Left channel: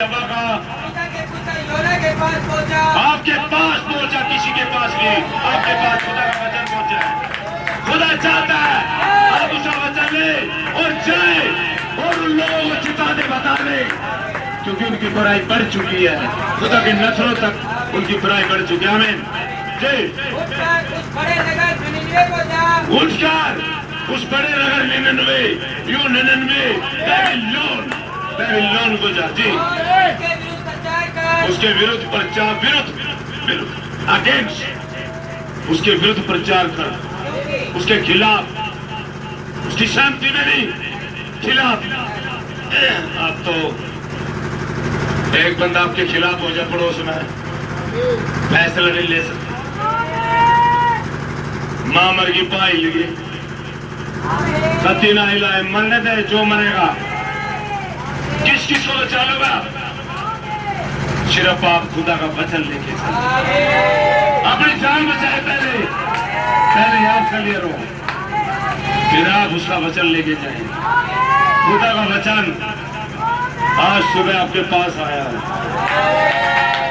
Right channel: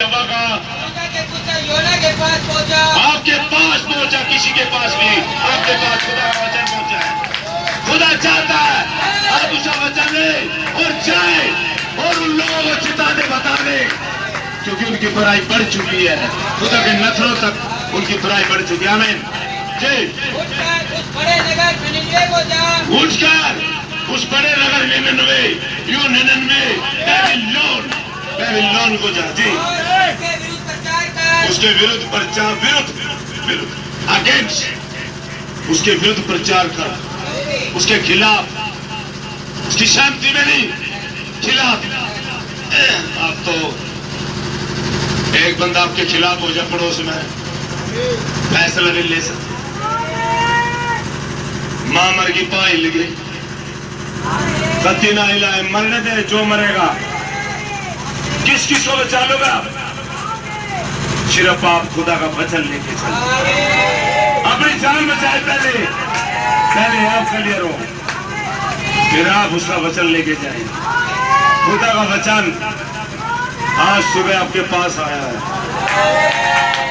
के पास पहुंचा, आपके पास पहुंचा, किसी के पास नहीं, आपके पास खुदा का वचन पहुंचा है। खुदा चाहता है आप उसका वचन ले और जाए और उन लोगों को चिताने बता दे, क्योंकि उनकी बुराई बढ़ चुकी है। खुदा के नस्लों तक उनकी बुराई बढ़ चुकी है। आमीन जी। उठकर उस बड़े नगर निनिवे को जा, उठकर उस बड़े नगर निनिवे, यो निनिवे बेबीलोन को जा जी, और उसके विरुद्ध प्रचार कर, विरुद्ध अगेंस्ट, उसके विरुद्ध प्रचार कर, उसके खिलाफ, उसकी शांति में नहीं, खिलाफ। अब तो एक बंदा आपके खिलाफ हो जाए पड़ोस में, फैसला नहीं ले सकते। मां मर गई, पाई लगी, कत्ती ना हिलाए, मरने दे जो मरेगा। किस किस को बचा लोगा? सिर्फ आप खुदा का वचन लेके चलो। अपनी जान बचाए, पहले आप क्लियर हो, फिर आप उसका वचन लेके जाए। खुदा का वचन आज सुबह आपके पास आया है।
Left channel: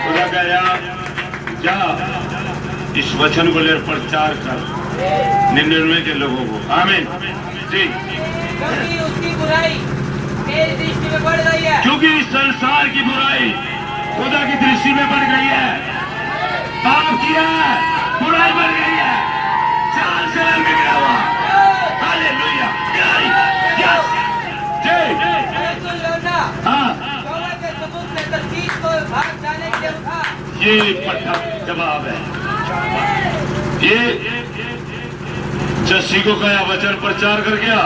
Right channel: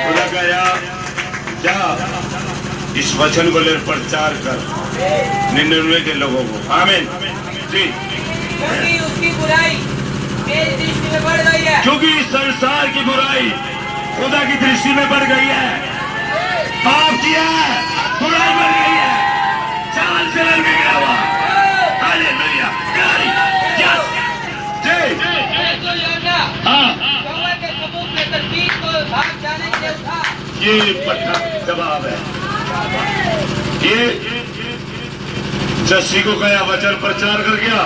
खुदा कहा जा इस वचन को ले प्रचार कर 99 के लोगों को। आमीन जी। क्योंकि उसकी बुराई मेरी दृष्टि में बढ़ गई है, क्योंकि इस संसार की बुराई खुदा की दृष्टि में बढ़ गई है। पाप किया है, बुराई बढ़ गई है, चाल चलन बिगड़ा हुआ। हालेलुया, यस जी। जो योजना हाँ, यहोवा के सबूत में तरकीब को भाग जाने के लिए उठा, ये पट्टा जवाब है। ये जस्सी को कहा वचन प्रचार कर गया,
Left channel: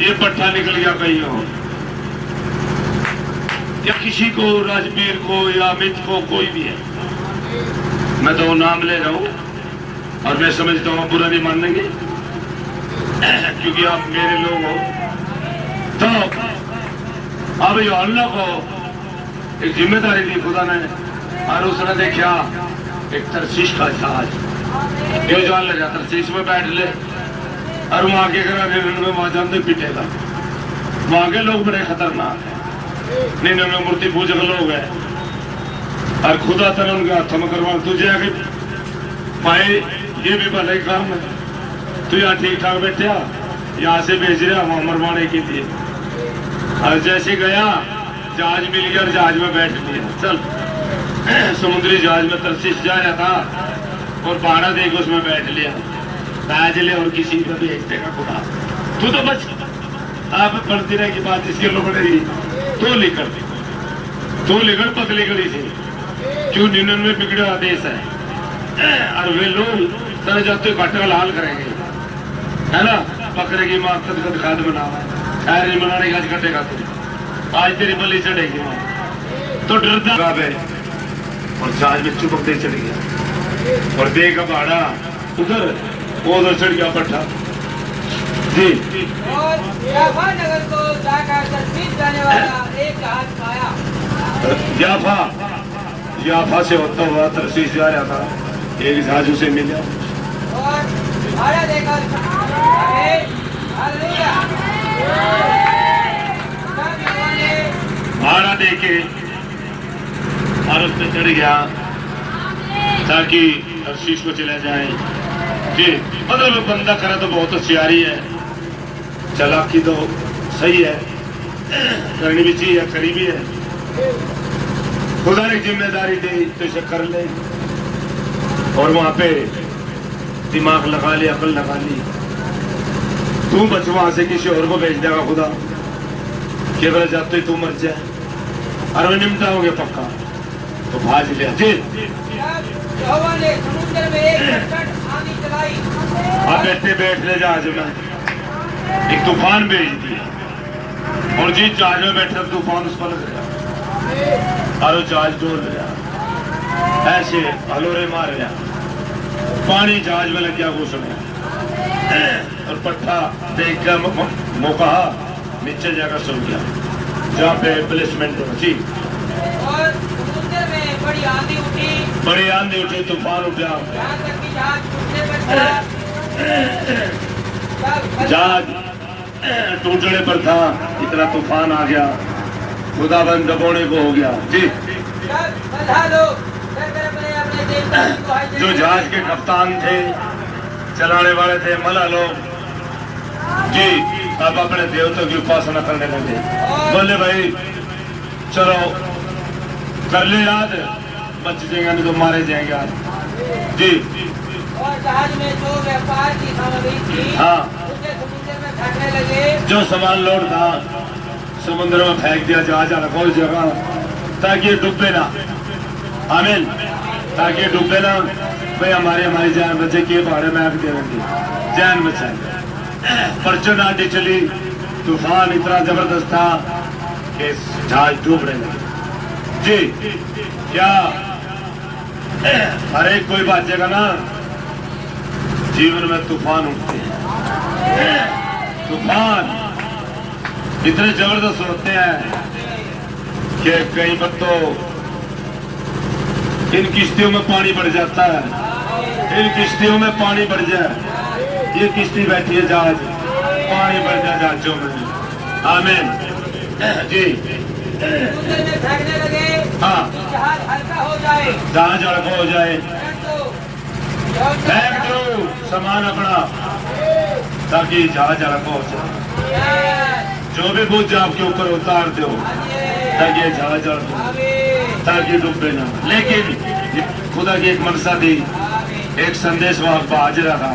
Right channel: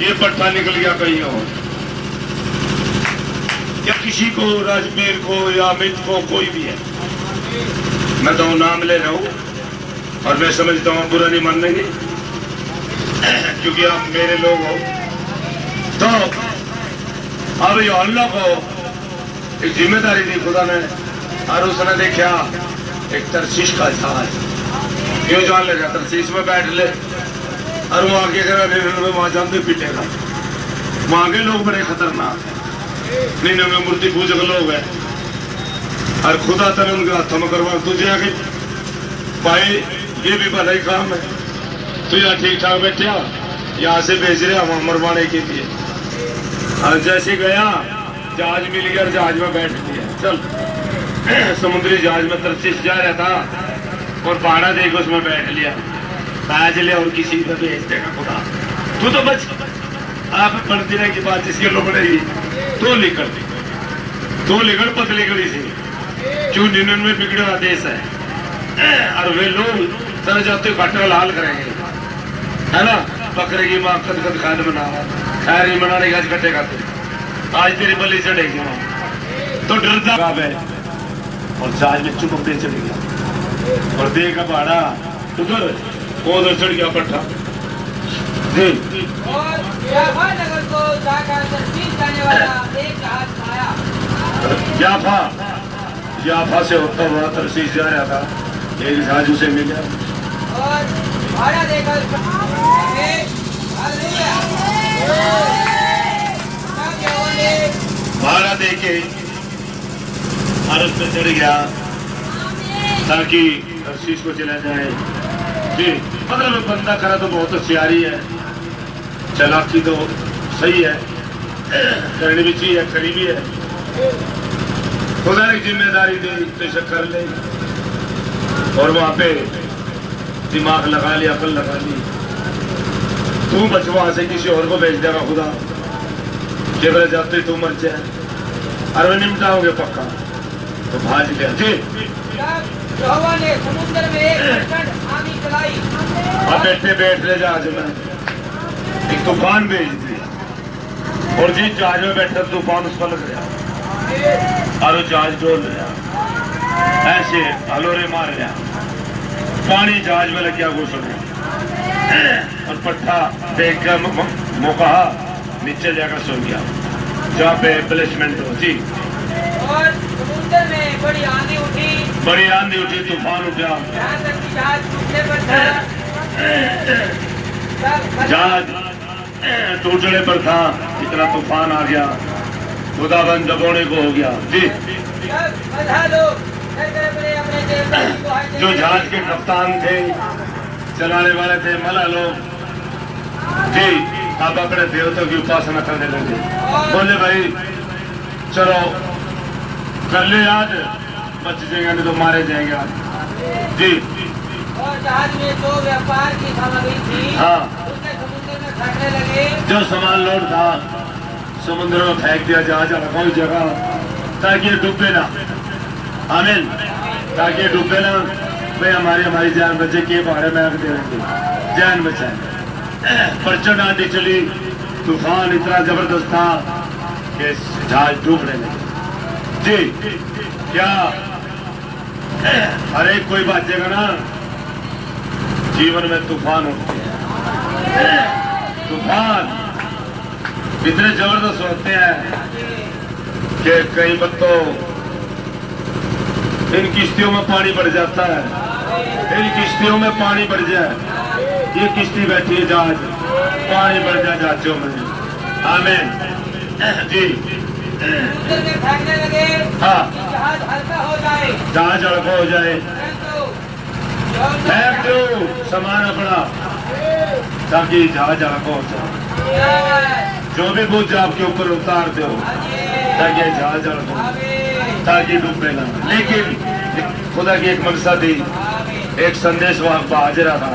ये पट्टा निकल गया कहीं और, या किसी को, राजवीर को या अमित को, कोई भी है। मैं तो नाम ले रहा हूं और मैं समझता हूं बुरा नहीं मानेंगे क्योंकि आप मेरे लोग हो। तो अब यूहन्ना को एक जिम्मेदारी दी खुदा ने, और उसने देखा एक तरसीश का जहाज, ये जान ले जाता, तरसीश में बैठ ले, और वो आगे करा वहां जान पीटेगा। वहां के लोग बड़े खतरनाक है, निन्यानवे मूर्ति पूजक लोग हैं, और खुदा तरह उनके हाथों में करवा। तुझे आगे भाई ये भी भला ही काम है, तू यहाँ ठीक ठाक बैठा, यहाँ से भेज रहा वहां मरवाने के लिए। और जैसे गया जहाज मिल गया, जहाज में बैठ गया, चल समुद्री जहाज में तरसीश जा रहा था और भाड़ा देकर उसमें बैठ लिया, बैठ लिया और किसी को भेज देगा खुदा। तू तो बच, आप पढ़ती रहे की बात इसके लोग नहीं, तो लिखड़ दी, तो लिखड़ पतली गड़ी से, क्यों 99 बिगड़ा देश है, और वे लोग तरह जाते घाटा लाल करेंगे, है ना। बकरे की माँ कद कद खाद बना रहा है, खैर नहीं बनाने का, आज कटेगा तू, आज तेरी बलि चढ़ेगी वहां, तो डरता है। और जहाज में चुपकते चढ़ गया और दे का भाड़ा उधर, वो उधर चढ़ गया पट्टा जी। और याफा नगर को जाकर तरसीश जाने वाला एक जहाज पाया। याफा से होता हुआ तरसीश जा रहा था, एक जहाज उसे मिला और भाड़ा देकर हालेलुया, भाड़ा दे के भारत पे चढ़ गया ताकि तरसीश को चला जाए जी। मतलब बंदा करा तो बहुत होशियारी है, चालाकी तो सही है, करनी भी चाहिए, करीबी है। खुदा ने जिम्मेदारी दी तो इसे कर ले, और वहां पे दिमाग लगा लिया, अकल लगा ली। तू बच वहां से किसी और को भेज देगा खुदा, केवल जाते तू मर जाए, अरे निमटा हो गया पक्का, तो भाज लिया जी। यहोवा ने समुद्र में एक प्रचंड आंधी चलाई, अब बैठ ले जहाज में, एक तूफान भेज दी, और जिस जहाज में बैठा तूफान उसका लग गया, और वो जहाज डोल गया, ऐसे हलोरे मार गया, पानी जहाज में लग गया घुसने, और पट्टा देख कर मौका नीचे जाकर सो गया, जहाँ पे प्लेसमेंट होती। और समुद्र में बड़ी आंधी उठी, तूफान उठा, यहाँ तक कि जहाज टूटने पर था। जहाज टूटने पर था, इतना तूफान आ गया, खुदाबंद दबोने को हो गया जी। जब बधा दो बड़े अपने देवता की दुहाई देंगे। जो जहाज के कप्तान थे, चलाने वाले थे, मला लोग जी, अब अपने देवताओं की उपासना करने लगे। बोले भाई चलो कर ले याद, बच जाएंगे नहीं तो मारे जाएंगे आज जी। और जहाज में जो व्यापार की सामग्री थी, हाँ, उसे समुद्र में फेंकने लगे। जो सामान लोड था समुद्र में फेंक दिया, जहाज रखा उस जगह ताकि ये डूबे ना। आमीन, ताकि ये डूबे ना। भाई हमारी जान बचे के बारे में आग दे देंगे, जान बचाए। प्रचंड आंधी चली, तूफान इतना जबरदस्त था कि जहाज डूब रहे जी। क्या हर एक कोई बातेगा ना, जीवन में तूफान उठते हैं। तूफान इतने जबरदस्त होते हैं कि कई बार तो इन किश्तियों में पानी बढ़ जाता है। इन किश्तियों में पानी बढ़ जाए, ये किश्ती बैठी है जहाज, पानी बढ़ जाए जहाजों में। आमीन जी। समुद्र में फेंकने लगे। हाँ, कि जहाज हल्का हो जाए। जहाज हल्का हो जाए। फेंक दो सामान अपना ताकि जहाज हल्का हो जाए। जो भी बोझ आपके ऊपर उतार दो ताकि जहाज हल्का हो, ताकि डूबे ना। लेकिन खुदा की एक मनसा थी, एक संदेश वहां हाजिर था,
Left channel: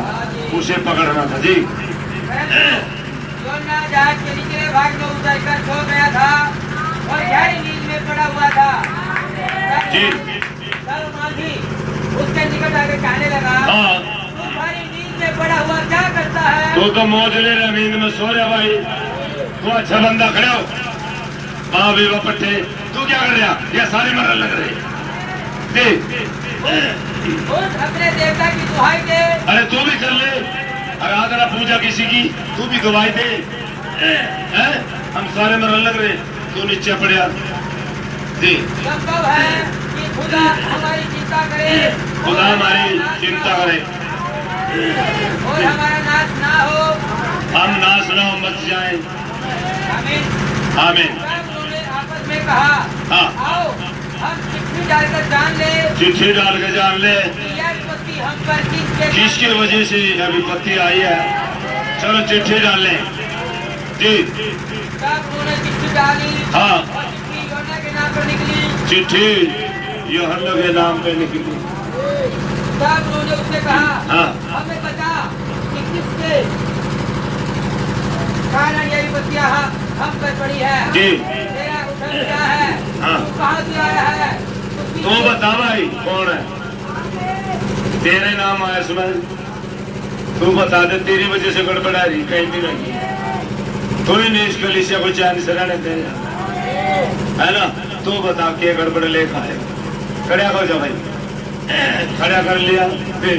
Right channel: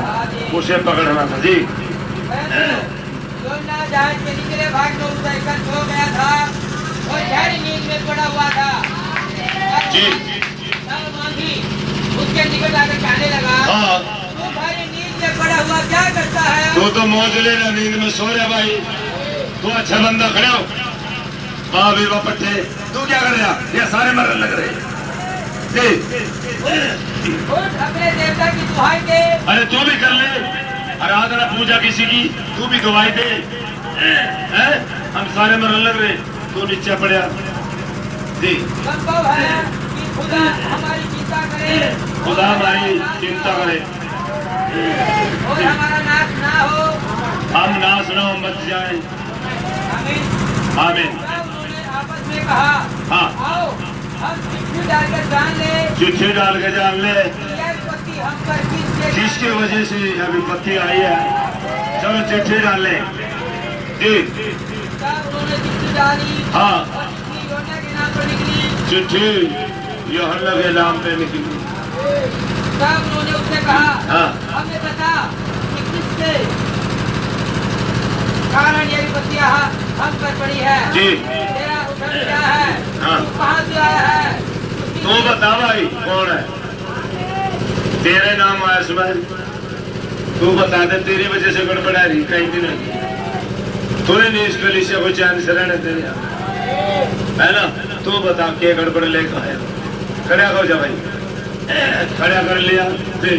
उसे पकड़ना था जी। योना जहाज के निचले भाग में उतरकर सो गया था और गहरी नींद में पड़ा हुआ था जी। तब मांझी उसके निकट आकर कहने लगा, हाँ, तू भारी नींद में पड़ा हुआ क्या करता है? तू तो मौज ले रहा, नींद में सो रहा भाई। तू अच्छा बंदा, खड़ा हो। माँ बेवा पट्टे, तू क्या कर रहा? ये सारे मरने लग रहे जी। उठ अपने देवता की दुहाई दे। अरे तू भी कर ले, आराधना पूजा किसी की, तू भी गवाही दे। हम सारे मरने लग रहे, तू नीचे पड़ा जी। संभव है कि खुदा हमारी चिंता करे, खुदा हमारी चिंता करे और हमारा नाश ना हो। हम नाश न हो, मच जाए। आमीन। आमीन। तब उन्होंने आपस में कहा, हाँ, आओ हम चिट्ठी डालकर जान ले चिट्ठी डाल के जान ले कि यह विपत्ति हम पर किसकी वजह से यह विपत्ति आई है। चलो चिट्ठी डाल ले जी। तब उन्होंने चिट्ठी डाली। हाँ, और चिट्ठी योना के नाम पर निकली। चिट्ठी यूहन्ना के नाम पे निकली। तब उन्होंने उससे कहा, हाँ, हमें बता कि किसके कारण यह विपत्तियां हम पर पड़ी है। जी। तेरा उधर क्या है? हाँ। तू कहाँ से आया है? तू बता भाई कौन है, तेरे नाम आया सुमन, तू बता दे। तेरी वजह से गड़बड़ा रही, कहीं भी नहीं। तूने नहीं इस कलीसिया को चैन से रहने दे, है ना? तू बता के गड़बड़ ले खाए। खड़ा हो जा भाई, खड़ा कर लिया फिर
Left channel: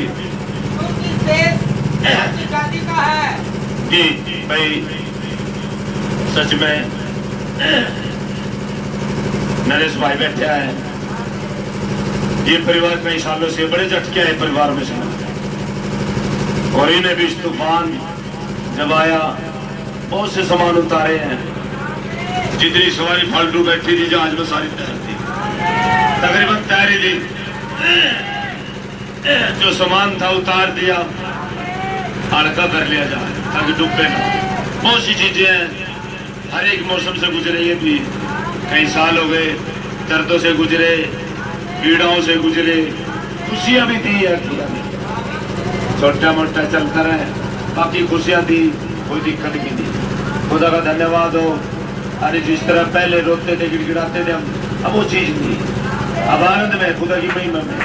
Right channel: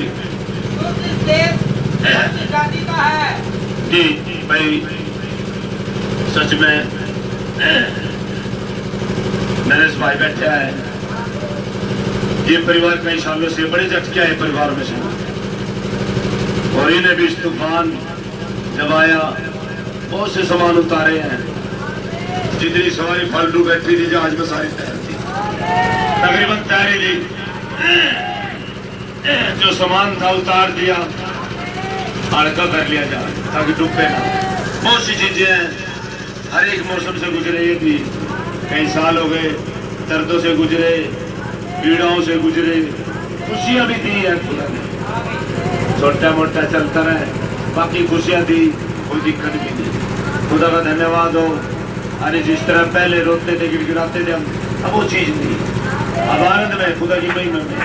तू किस देश कौन सी जाति का है? जी। भाई सच में नरेश भाई बैठा है, ये परिवार कई सालों से बड़े झटके आए परिवार में सुना, और इन्हें भी इस तूफान जब आया बहुत से सामान उतारे हैं। जितनी सवारी फालतू बैठी थी जहाज में सारी तैर थी, तकरीबन तैरी थी। जो सामान था उतार दिया, हल्का कर लिया जहाज ताकि डूबे ना। बहुत सी चीजें हैं, हर एक मौसम से गुजरे, ये भी कई साल हो गए, दर्दों से गुजरे, पीड़ाओं से गुजरे, खुशियां भी दी है खुदा ने, छोटा मोटा चलता रहे, बाकी खुशियां दी, कोई दिक्कत भी नहीं। खुदा का धन्यवाद हो। अरे जिस तरह पहले रोते थे, गिड़गिड़ाते थे हम, अब वो चीज नहीं, अब आनंद में खुदा की महिमा में।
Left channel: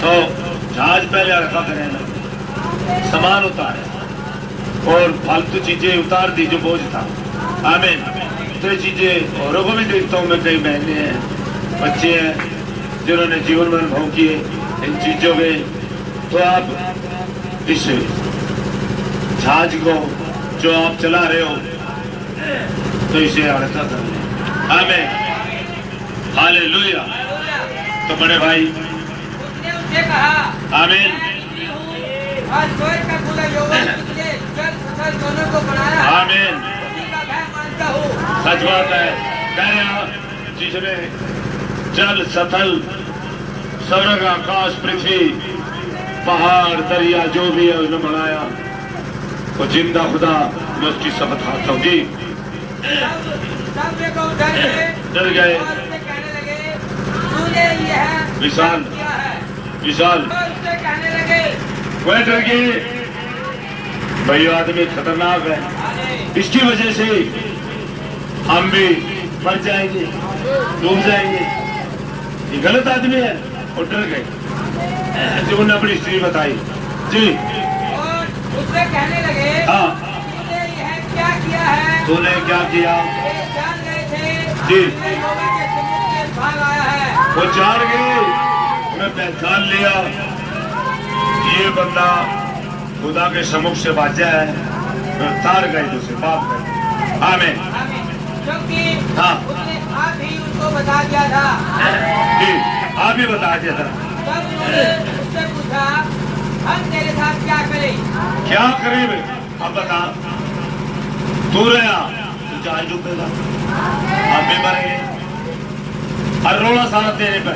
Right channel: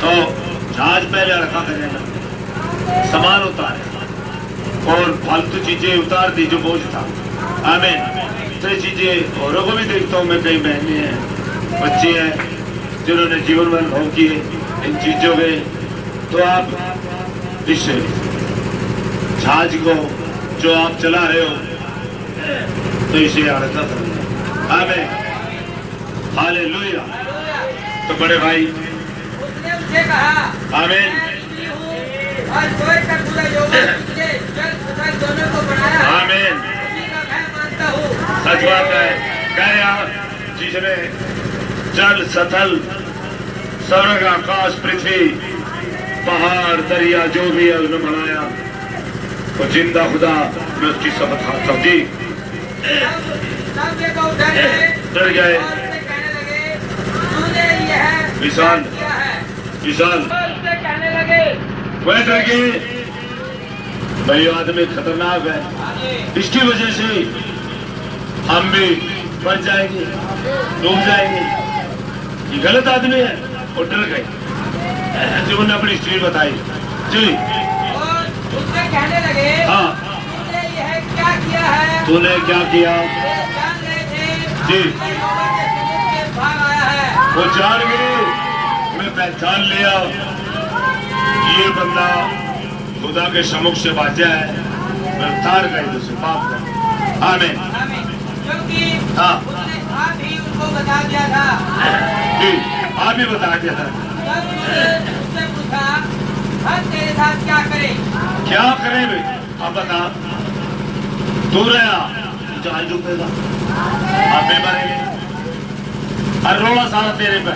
तो जहाज पहले हल्का करने लगे, सामान उतारे और फालतू चीजें उतार दी जो बोझ था। आमीन। तो ये चीजें औरों को भी देखता हूँ मैं, कई बहनें हैं, बच्चे हैं जिन्होंने जीवन में अनुभव किए इन चीजों के। तो आप इस जहाज को जो आप चला रहे हो तो इसे हल्का कर लें। आमीन, हालेलुया। तो बड़े भाई उसने उनसे कहा, आमीन, मैं निकली हूँ और स्वर्ग का खुदा यहोवा जिसने जल तथा दोनों को बनाया है, आमीन। उसी का मैं मानता हूँ। सच बात है। गया जिसने जल सतल स्वर्ग आकाश पृथ्वी पहाड़ दरिया जो भी है उसने बनाया वो जिंदा खुदा मैं उसकी शपथ खाता हूँ जी। सब देखो डर गए और उससे कहने लगे तूने यह विशाल किया है। विशाल और उससे कहने लगे वह डर गए भाई आदमी खतरनाक है, इसकी वजह से हम भी मर जाएंगे डूब जाएंगे, ये गलत आदमी है और डर गए। जो उन्होंने अपनी स्त्री बताई जी। और उससे कहने लगे हाँ तूने यह क्या किया है। तूने क्या किया ये जान रहे थे जी। कि यहोवा के समुख से भाग आया है। वो जान गए, मैं पहचान लिया ये बंदा खुदा के सम्मुख से बाजा है, गिरफ्तार कर उसे माफ कर। आमीन आमीन। क्योंकि हाँ उसने आप ही उनको बता दिया था। जी, आप ही बता दिया था। तब उन्होंने उससे पूछा हम तेरे साथ क्या करें। क्या करें बे? अब बता, तू रहा जान डूबेगा, आप भी मरेंगे और रोड़ा सारा तेरे पे।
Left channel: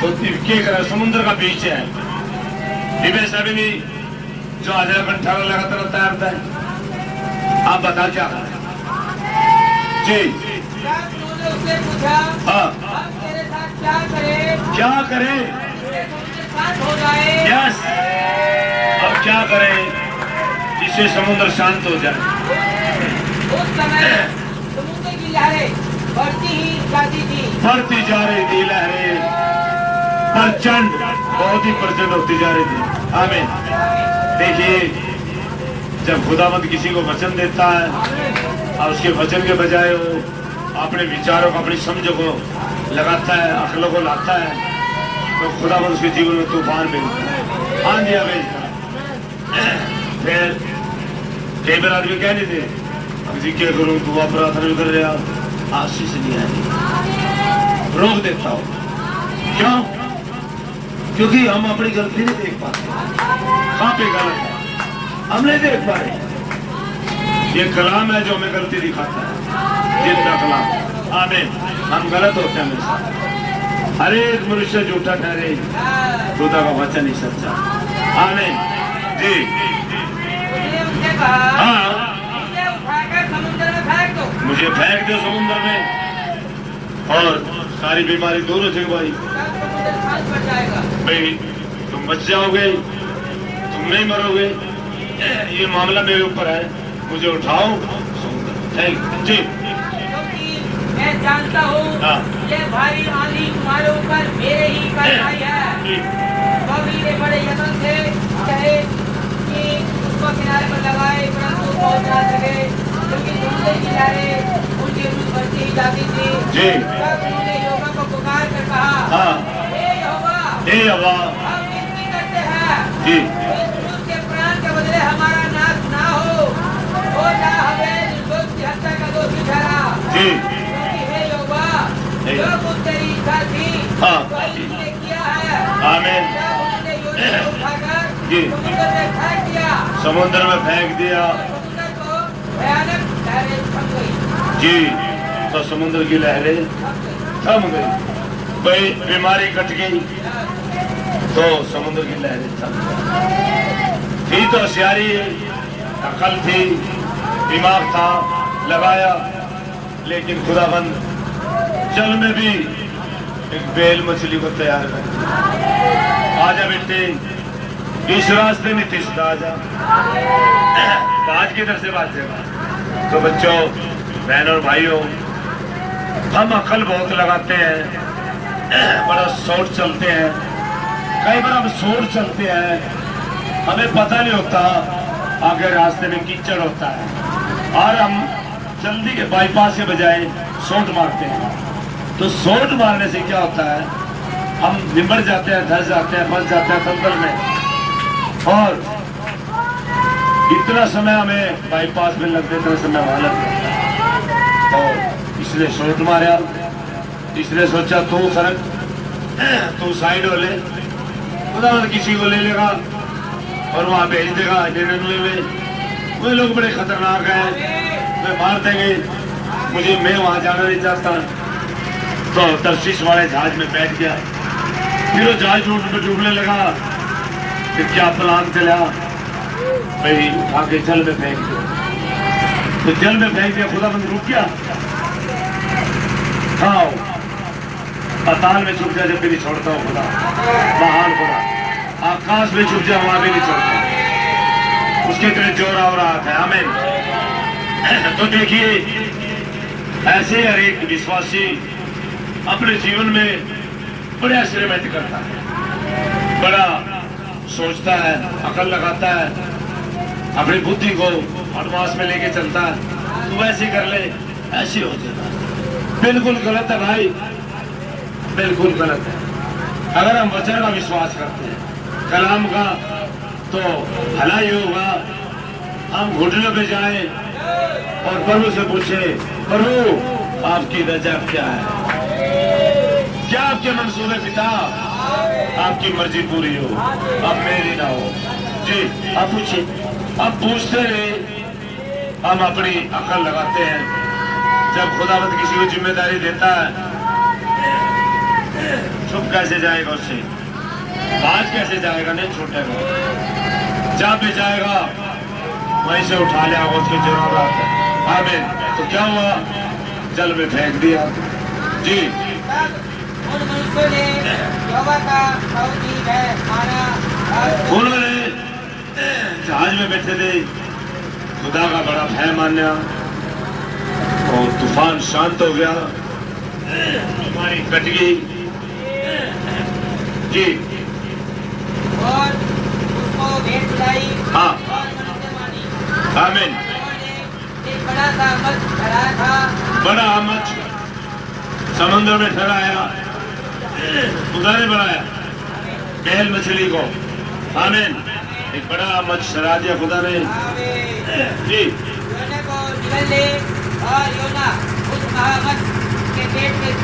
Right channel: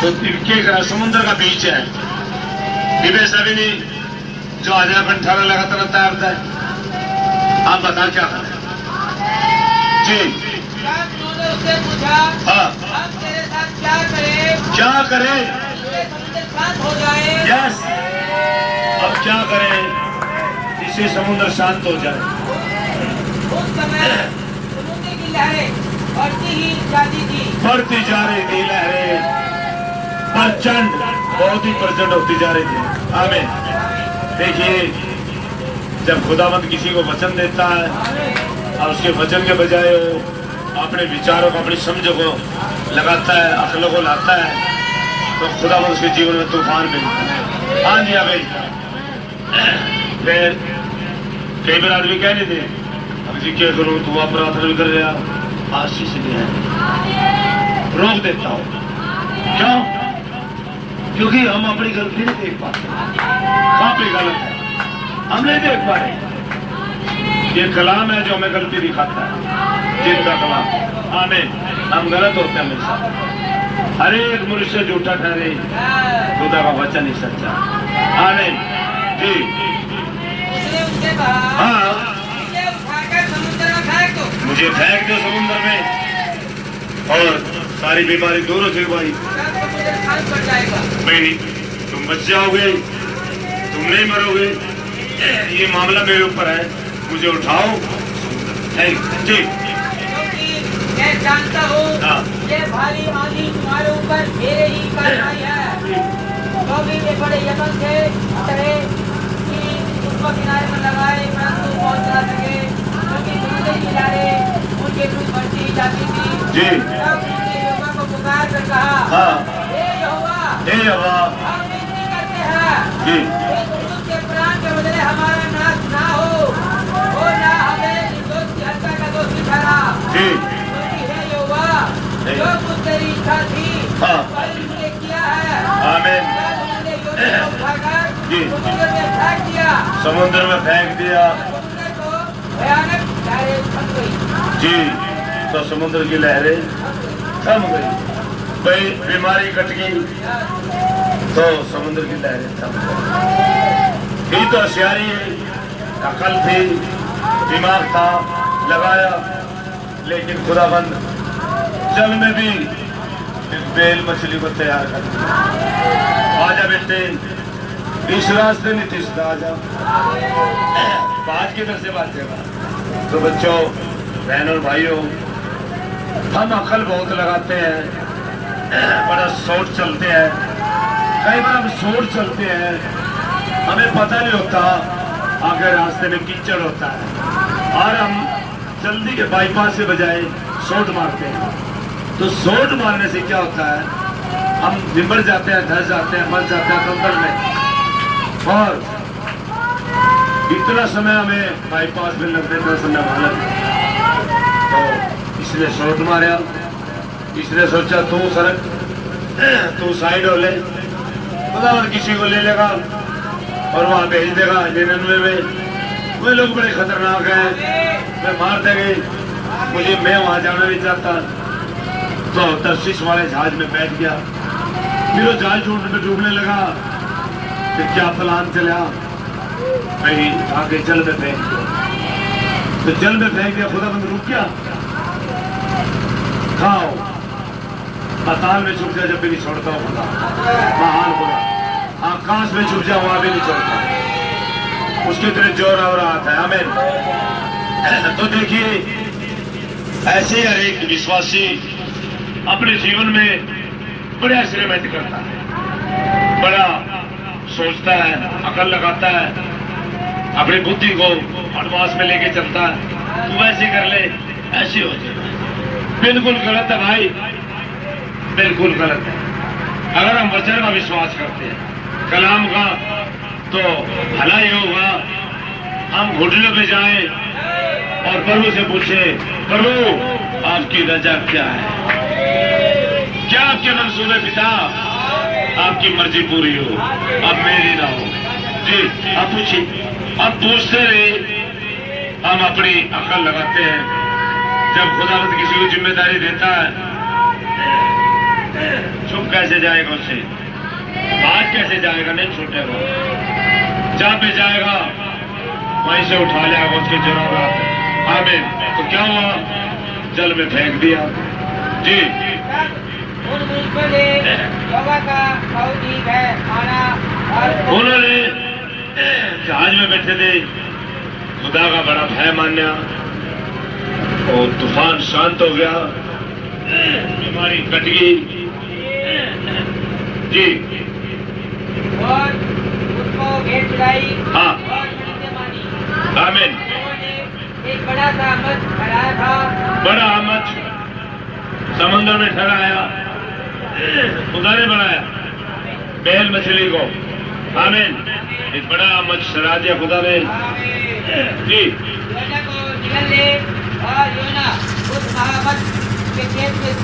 तो तिरके का समुद्र का बीच है, डिबे सभी नहीं जो आज कंठा लगातार तैयार था। आप बता क्या करें जी। तब उन्होंने उससे पूछा हाँ हम तेरे साथ क्या करें। क्या करें? तेरे समुद्र साथ हो जाए। यस, अब क्या करें जिससे समुद्र शांत हो जाए। उस समय समुद्र की लहरें बढ़ती ही जाती थी। बढ़ती जा रही थी लहरें, प्रचंड बहुत ही प्रचंड होती जा रही थी। आमीन। देखिए जब खुदावंद किसी को वचन देता है और उसके वचन के बजाय वो अपने विचारों को अपनी समझ को लगाता है, अक्ल को लाता है, तो खुदावंद उसके जीवन में तूफान भेजता है, आंधी भेजता है। फिर कई बार आदमी कह देते अब जी क्या करूँ, दुआ प्रार्थना भी कर रहा, आशीष नहीं है, रोक देता हूँ। क्यों? क्योंकि हम अपनी गलती नहीं देख पाते, कहाँ पे गलत है हम नहीं देख पा रहे। ये कलाम है जो हमें गलती दिखाता है, जिनका कलाम। आमीन। हम गलत होते हैं हमेशा, हर एक मनुष्य झूठा ठहरे, खुदा का वचन ही सच्चा। आमीन जी। उसने उनसे कहा हाँ मुझे उठाकर समुद्र में फेंक दो। मुझे फेंक दो समुद्र में और सारी बीमारी दूर हो जाएगी भाई। तब समुद्र शांत पड़ जाएगा। भाई तुम बच जाओगे, तुम नहीं मरोगे, ये मामला मेरे ऊपर है, मुझे उठाओ जी। क्योंकि मैं जानता हूँ हाँ। ये भारी आंधी तुम्हारे ऊपर मेरे ही कारण आई है। जी। जो भी वे बड़े यत्न से चाहे कि उसको किनारे पर लगाए परंतु पहुंच ना सके, क्योंकि समुद्र की लहरें उनके रूप बढ़ती ही जाती थी। जी। तब उन्होंने यहोवा को पुकार कर कहा हाँ हे यहोवा हे यहोवा हम विनती करते हैं जी। इस पुरुष के प्राण के बदले हमारा नाश ना हो और ना हमें निर्दोष की हत्या का दोषी ठहरा। जी। क्योंकि हे यहोवा जो कुछ तेरी इच्छा थी हाँ। वही तूने किया है। आमीन तब उन्होंने योना को उठाकर जी। समुद्र में फेंक दिया। समुद्र में फेंक दिया समुद्र को भयानक लहरें थम गई। जी। तो समुद्र की लहरें थम गई, भाई बीमारी कट गई तो समुद्र की लहरें थम गई। थी तो होशियारी, अकल थी, दिमाग था, लगाया, लेकिन खुदाबंद जल में भी एक बेल मछली को तैयार कर दिया। आजा बेटे इस रास्ते में तीसरा आजा, बाज की तरफ से बाजेगा। तो बच्चों बहन और भाइयों हम अकल बहुत लगाते हैं, बड़ा सोच चलते हैं, कई बार हम सोच चलते हैं, हमें पता नहीं होता आगे रास्ते में कीचड़ होता है और हम जल्दी के बाईपास के बजाय शॉर्ट मारते हैं। तो शॉर्ट मारने से क्या होता है, हम निमर जाते हैं, धस जाते हैं, फंस जाते हैं दलदल में और इतना समय हमें बाईपास में लगते इतना समय वहां लगता है। तो इसलिए शॉर्ट मारा, इसने सोचा तू सड़क तू साइड हो ले, खुदा किसी को ले लेगा और वहां भेज देगा जिन्हें ले ले। वे लोग बड़े खतरनाक हैं, वे मार देंगे, मुझे मैं वहां जाना नहीं चाहता। तो तरशीश वाले जहाज में बैठ गया। फिर वो जहाज में डूबने लगा। कि क्या प्लान चला भाई, आगे जल में फेंक दो। तो जल में फेंक दिया। खुदाबंद रुक गया। खाओ, पाताल में छुप जा जब भी नहीं छोड़ता हूँ खुदा। महान खुदा आकाश में छुप जा, वहां भी नहीं छोड़ता। उसके इतने जोर आ रहा था। हमें तो देखिए, ऐसे हर एक विश्वासी अपने जीवन में बड़े एक्सपेरिमेंट करता है, बड़ा सोचता है, अकल लगाता है, अपनी बुद्धि को एडवांस में लेके चलता है। तू ऐसे कर ले, ऐसे हो जाए। बिल्कुल गलत है भाई, बिल्कुल गलत है। अगर हम वचन का विश्वास करते हैं, कलाम का, तो भला ही होगा हम घुटनों पे जाएं और प्रभु से पूछे, प्रभु आपकी रजा क्या है, क्या आपके मंसूबे पिता, आपकी मर्जी पूरी हो, अब मेरी ना हो। जी आप पूछिए। अब पूछते रहे, हम अपनी अकल लगाते हैं। जब खुदावंद किसी को जिम्मेदारी देता है, छुप कैसे जाएगा उससे, बात कैसे जाएगा, नहीं छूटेगा। जहां पे जाएगा वहीं से उठा लिया उसके जरूर आते। आमीन। तो क्या हुआ, जल में फेंक दिया। जी उन मनुष्यों ने यहोवा का बहुत ही भय माना। उन्होंने जहाज में बैठे थे, खुदा का बड़ा भय माना और तूफान शांत हो गया, बीमारी कट गई। जी और उसको भेंट चढ़ाई। हाँ। और मनुष्य मानी। आमीन। उन्होंने एक बड़ा सा मछ ठहराया था। बड़ा मछ समुद्र में ठहराया, खुदा ने बनाया बैल मछली को। आमीन। एक बड़ा मछ ठहरा दिया खुदा ने। जी योना को निगल ले, और योना उस महामछ के पेट में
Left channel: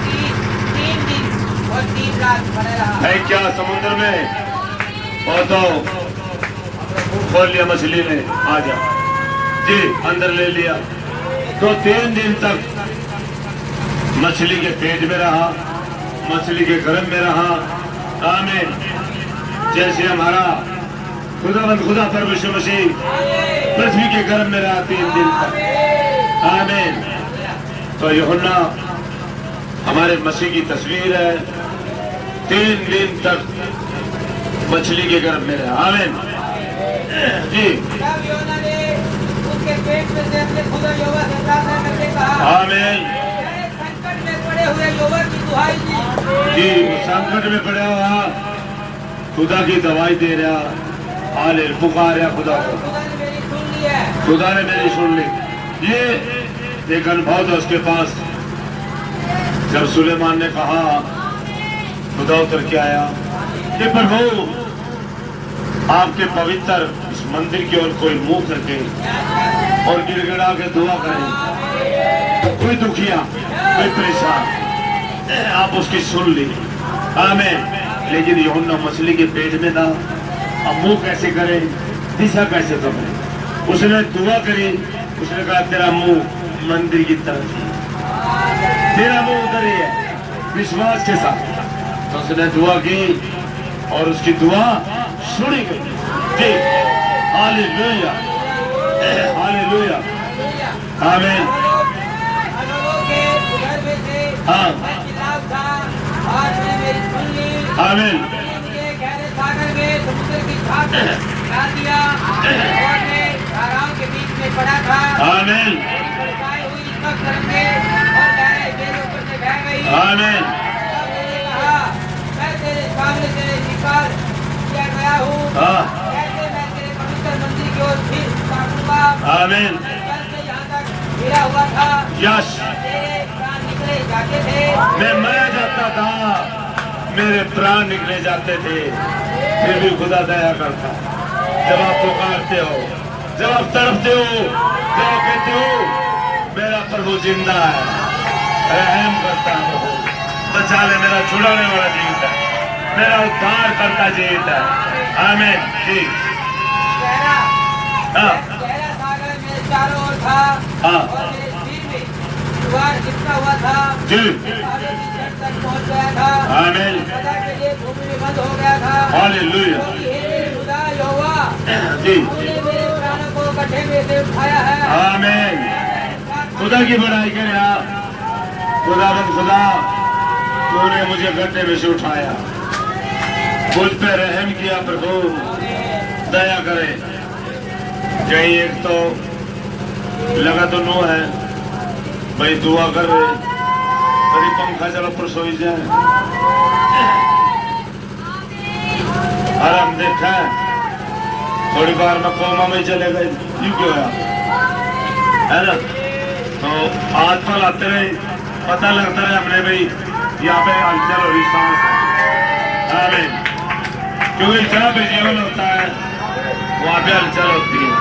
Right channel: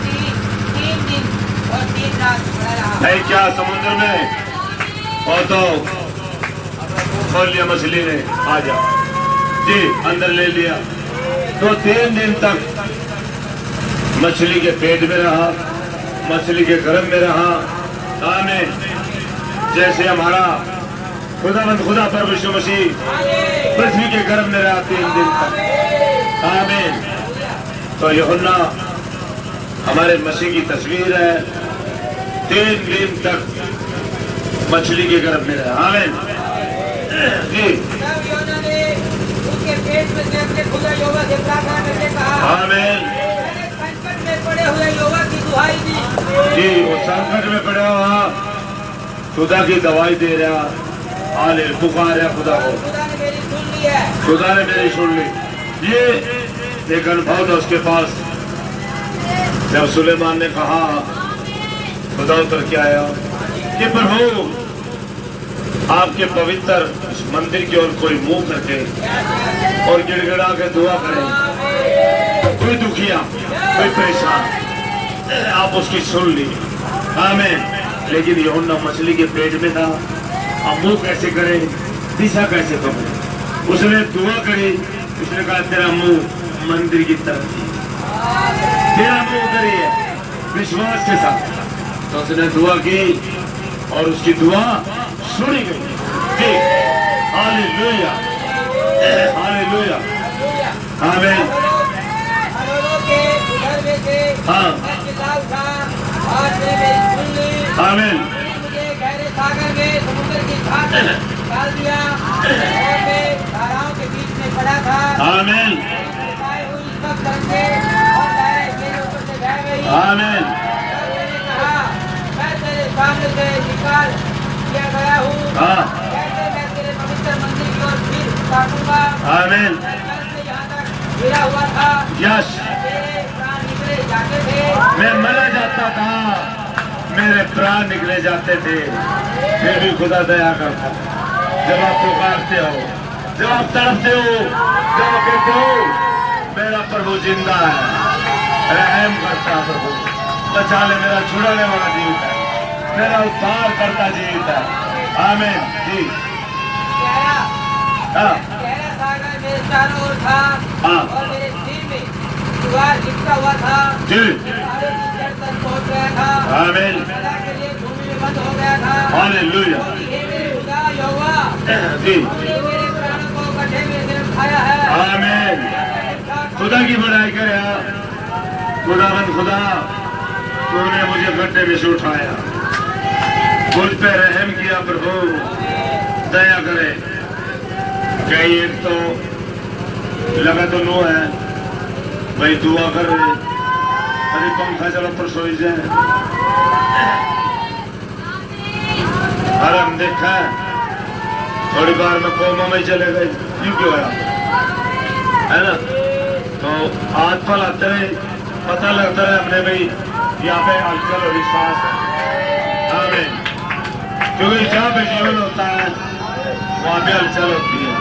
3 दिन और 3 रात पड़ा रहा। भाई क्या समुद्र में, और तो बोल लिया मछली ने, आ जा। जी अंदर ले लिया। तो 3 दिन तक मछली के पेट में रहा, मछली के गर्भ में रहा। आमीन। जैसे हमारा खुदा प्रभु यीशु मसीह पृथ्वी के गर्भ में रहा 3 दिन तक। आमीन। तो यूहन्ना हमारे मसीह की तस्वीर है। 3 दिन तक मछली के गर्भ में रहा। आमीन। जी तब योना ने उसके पेट में से अपने खुदा यहोवा से प्रार्थना करके कहा। आमीन। संकट में पड़े हुए यहोवा की दुहाई दी। जी वो संकट में पड़ा हुआ खुदा की दवाई दे रहा, आले पुकार रहा खुदा को। खुदा ने मेरी सुन ली है। खुदा ने मेरी सुन ली। ये एक अनुभव था उसके पास। जब सुलेमान ने कहा, खुदा उतर के आया कि प्रभु आपके पवित्र इस मंदिर की ओर कोई मुंह करके और गिड़गिड़ा के दुआ करे, कोई दुखिया, कोई परेशान, आप उसकी सुन ली। आमीन। लेकिन यूहन्ना मछली के पेट में था, अब मुंह कैसे करे, दिशा कैसे करे। उसने दुआ करी, उसने कहा तेरा मुंह मंदिर की तरफ ही, तेरा मुंह उधर ही है, विश्वास के साथ। तो उसने दुआ की और उसकी दुआ सुनी गई। जी हालेलुया, हालेलुया। आमीन। लोगों के उधर में से हाँ। मैं चिल्ला उठा और उसने मेरी सुन ली। आमीन। मुझे गहरे सागर में समुद्र की घाट डाल दिया और मैं धाराओं के बीच में पड़ा था। आमीन। बरसाए हुई सब तरंगे और लहरें मेरे ऊपर से बह गई। आमीन। मैंने कहा, मैं तेरे सामने से निकाल दिया गया हूँ। हाँ। कैसे मैं तेरे पवित्र मंदिर की ओर फिर ताकूंगा। आमीन। मैं कल से यहाँ तक गिरा हुआ था। यस। तेरे प्राण निकले जाते थे। मैं मर जाता था, मेरे प्राण निकले जाते थे, फिर भी खुदा दया करता। जब आप पुकारते हो, जब आप तड़पते हो, जब आप कहते हो मेरा प्रभु जिंदा है, रहम करता है प्रभु, बचा ले, मेरा छुड़ाने वाला जीवित है, मेरा उद्धार करता जीवित है। आमीन। जी गहरा हाँ। गहरा सागर मेरे चारों ओर था। हाँ। और मेरे सिर में दीवार लिखता हुआ था, जी आगे की छत तक पहुंच गया था, आमीन सदा के लिए भूमि में बंद हो गया था। हालेलुया हे मेरे खुदा यहोवा, जी तूने मेरे प्राणों को गड्ढे में से उठाया है। आमीन। खुदा की बड़ाई करे आप। खुदावंद खुदा, तूने मुझे गड्ढे में से उठाया, मुझ पे रहम किया प्रभु, दया करे। कहीं एक तो लगा तो नो है भाई, दुआ कर कभी पंखा चलो पर सोई जाए। अरे हम देखा थोड़ी बार में कोमा में चले गए, क्यों क्यों है ना? तो हाथ पर आते रहे, पता लगता रहे हमने भाई यहाँ पे हलचल हो रही, सांस है। आमीन। क्योंकि जहाँ पे जीवन होता है वहाँ पे हलचल होती है।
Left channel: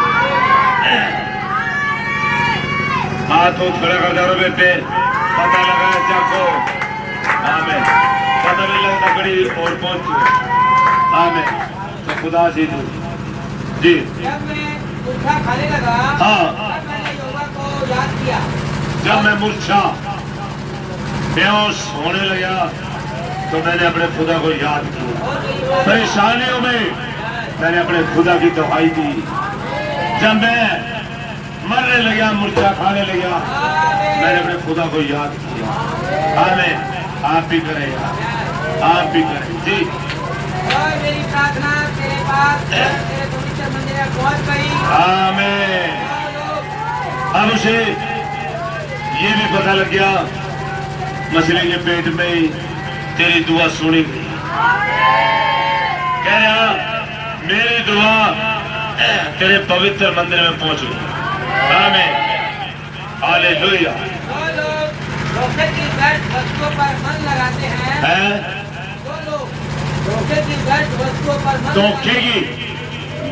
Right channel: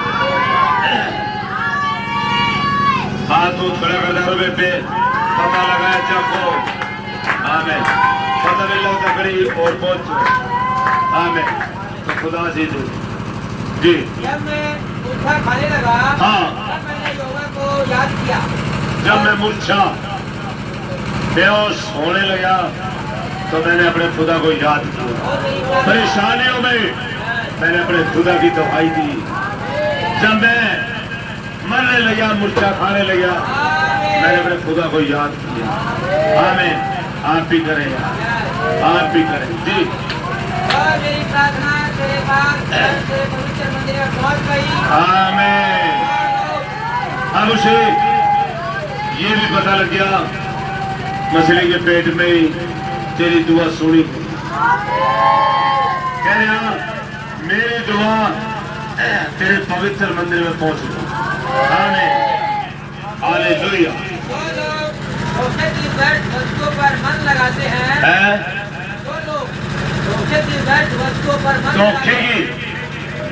हाथ को खड़ा कर दो बेटे, पता लगा जाको। आमीन। पता नहीं लगता कड़ी और पहुंच। आमीन। तो खुदा जी जी जब मैं मूर्छा खाने लगा, हाँ, तब मैंने यहोवा को याद किया। जब मैं मूर्छा बेहोश होने लगा तो मैंने अपने खुदा को याद किया। परेशानियों में मैंने अपने खुदा की दुहाई दी। जब मैं मरने लगा, मूर्छा खाने लगा, मैंने अपने खुदा को याद किया। आमीन। आप भी करें, आप भी करें जी। और मेरी प्रार्थना तेरे पास, तेरे पवित्र मंदिर में पहुंच गई। आमीन। अब उसे ये भी पता लग गया मछली के पेट में तेरी दुआ सुनी गई। कह रहा मेरी दुआ तेरे पवित्र मंदिर में पहुंच गई। आमीन। हालेलुया। जो लोग धोखे की व्यर्थ वस्तुओं पर मन लगाते हैं, जो लोग धोखे की व्यर्थ वस्तुओं पर मन धोखे की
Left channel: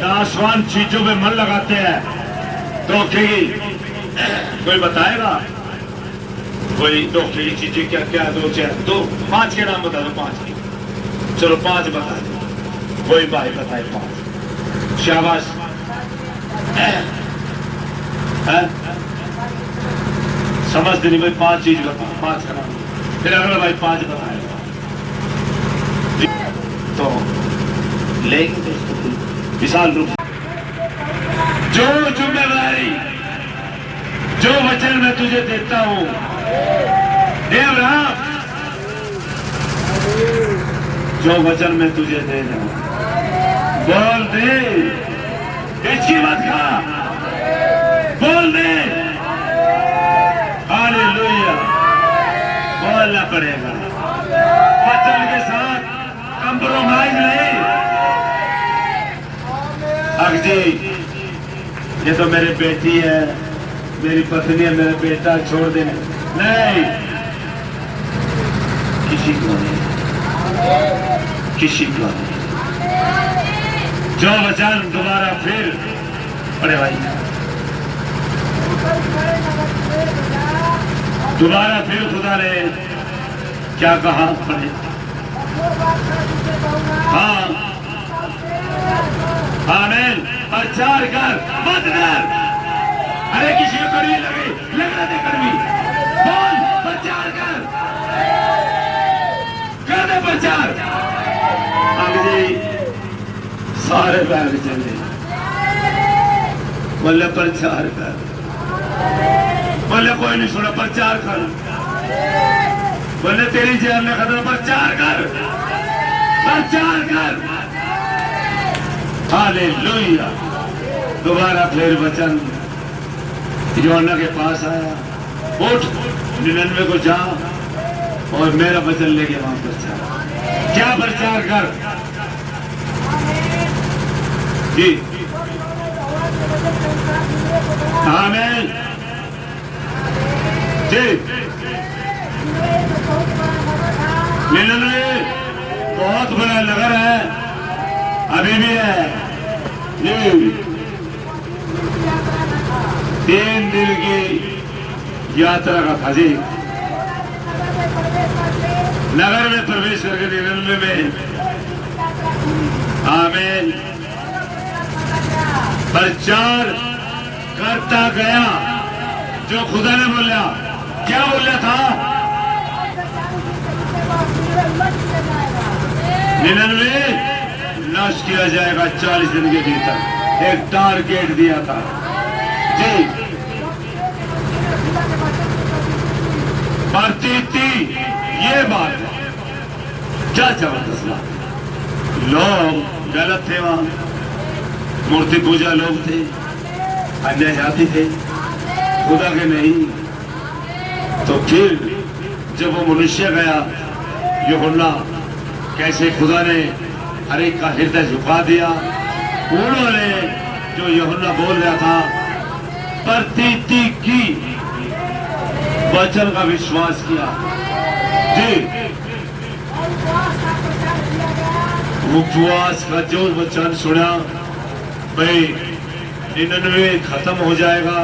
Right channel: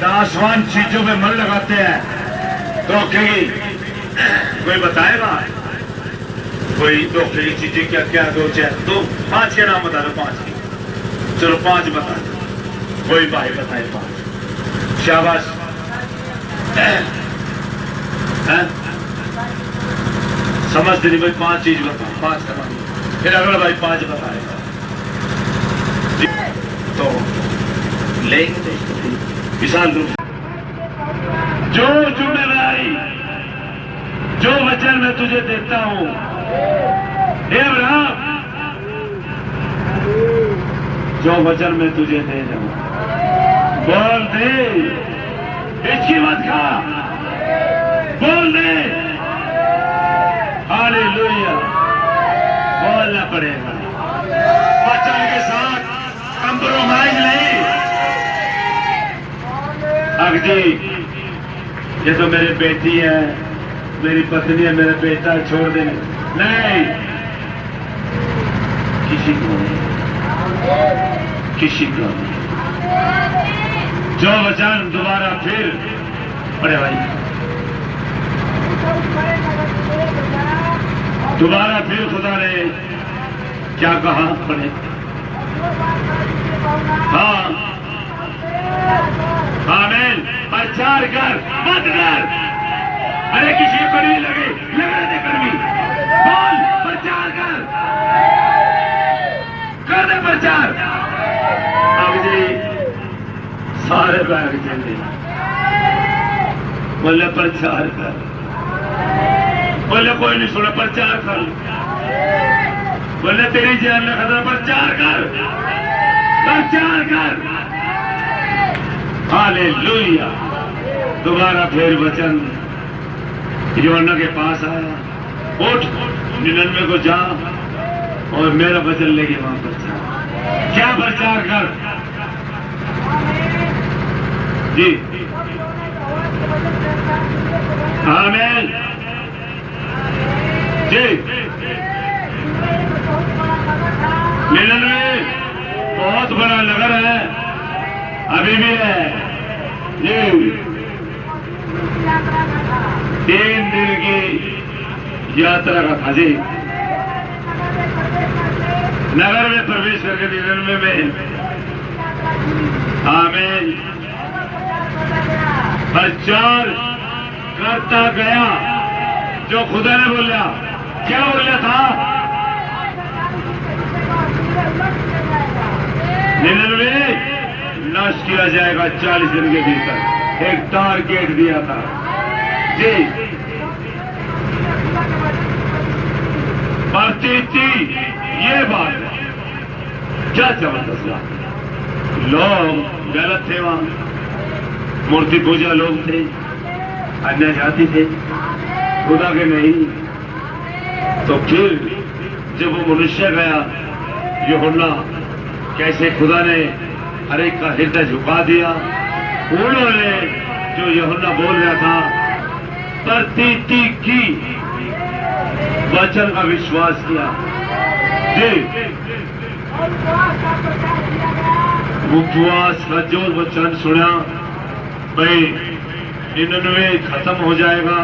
नाशवान चीजों पे मन लगाते हैं, धोखे की कोई बताएगा? कोई धोखे की चीजें क्या क्या? दो 5 के नाम बता दो। 5, चलो 5 बता दो। कोई भाई बताए 5। शाबाश। समझते नहीं भाई, 5 चीज बताओ, 5 का नाम। फिर अगला भाई 5 बताएगा तो लेंगे विशाल रूप। जो जिम्मेदारी, जो वचन मैं तुझे देता हूं, हे अब्राहम, जो वचन मैं तुझे दे रहा हूं, बोल दे, हिचकी मत खा, बोल दे। हालेलुया। बोलना पड़ेगा वचन के साथ, कंप्रोमाइज नहीं। अब जी ये तो मेरी बेटी है, मेरी पत्नी है, मेरा बेटा, छोड़ देने नहीं। किसी को जो वचन दोबारा फिर, अरे भाई दोबारा फिर खुदा ने क्या कहा पढ़े? हाँ आमीन। प्रचार कर, मत कर। अरे किसी को कड़वी लगे, लग रहे थे कड़वी, बोल प्रचार कर दे प्रचार। अब जी सारे बैग चले, बोले प्रचार कर, बोले कोई नहीं सुना, प्रचार कर, बोले तेरी जेब में खतरा, प्रचार कर, प्रचार कर। हालेलुया। दोबारा फिर वचन योना के पास आया, उठ 99 को जा और मेरा वचन लेके वहां प्रचार। क्या प्रचार कर जी? आमीन जी। 99 बहुत बड़ा नगर है, अभी भी है जी। 3 दिन की यात्रा का था जी। नगर में प्रवेश करके 99 में, आमीन, प्रचार करता गया जो खुदा ने बोला। क्या बोल रहा था? 99 नष्ट किया जाएगा 40 दिन के भीतर। एक टारगेट दिया था जी। प्रतीति ये बात है। क्या जबरदस्त बात। लोग गलत थे, वहां मूर्ति पूजा लोग थे, अन्य जाति थे, खुदा के नहीं। तो फिर जब वो मनुष्य गया, यूहन्ना कैसे खुदा ने हर एक का हृदय झुका दिया। उन्होंने जो यूहन्ना बोल रहा था प्रतीति की वचन का विश्वास किया जी। उपवास का जो वचन सुना, भाई 99 खत्म हो जाएगा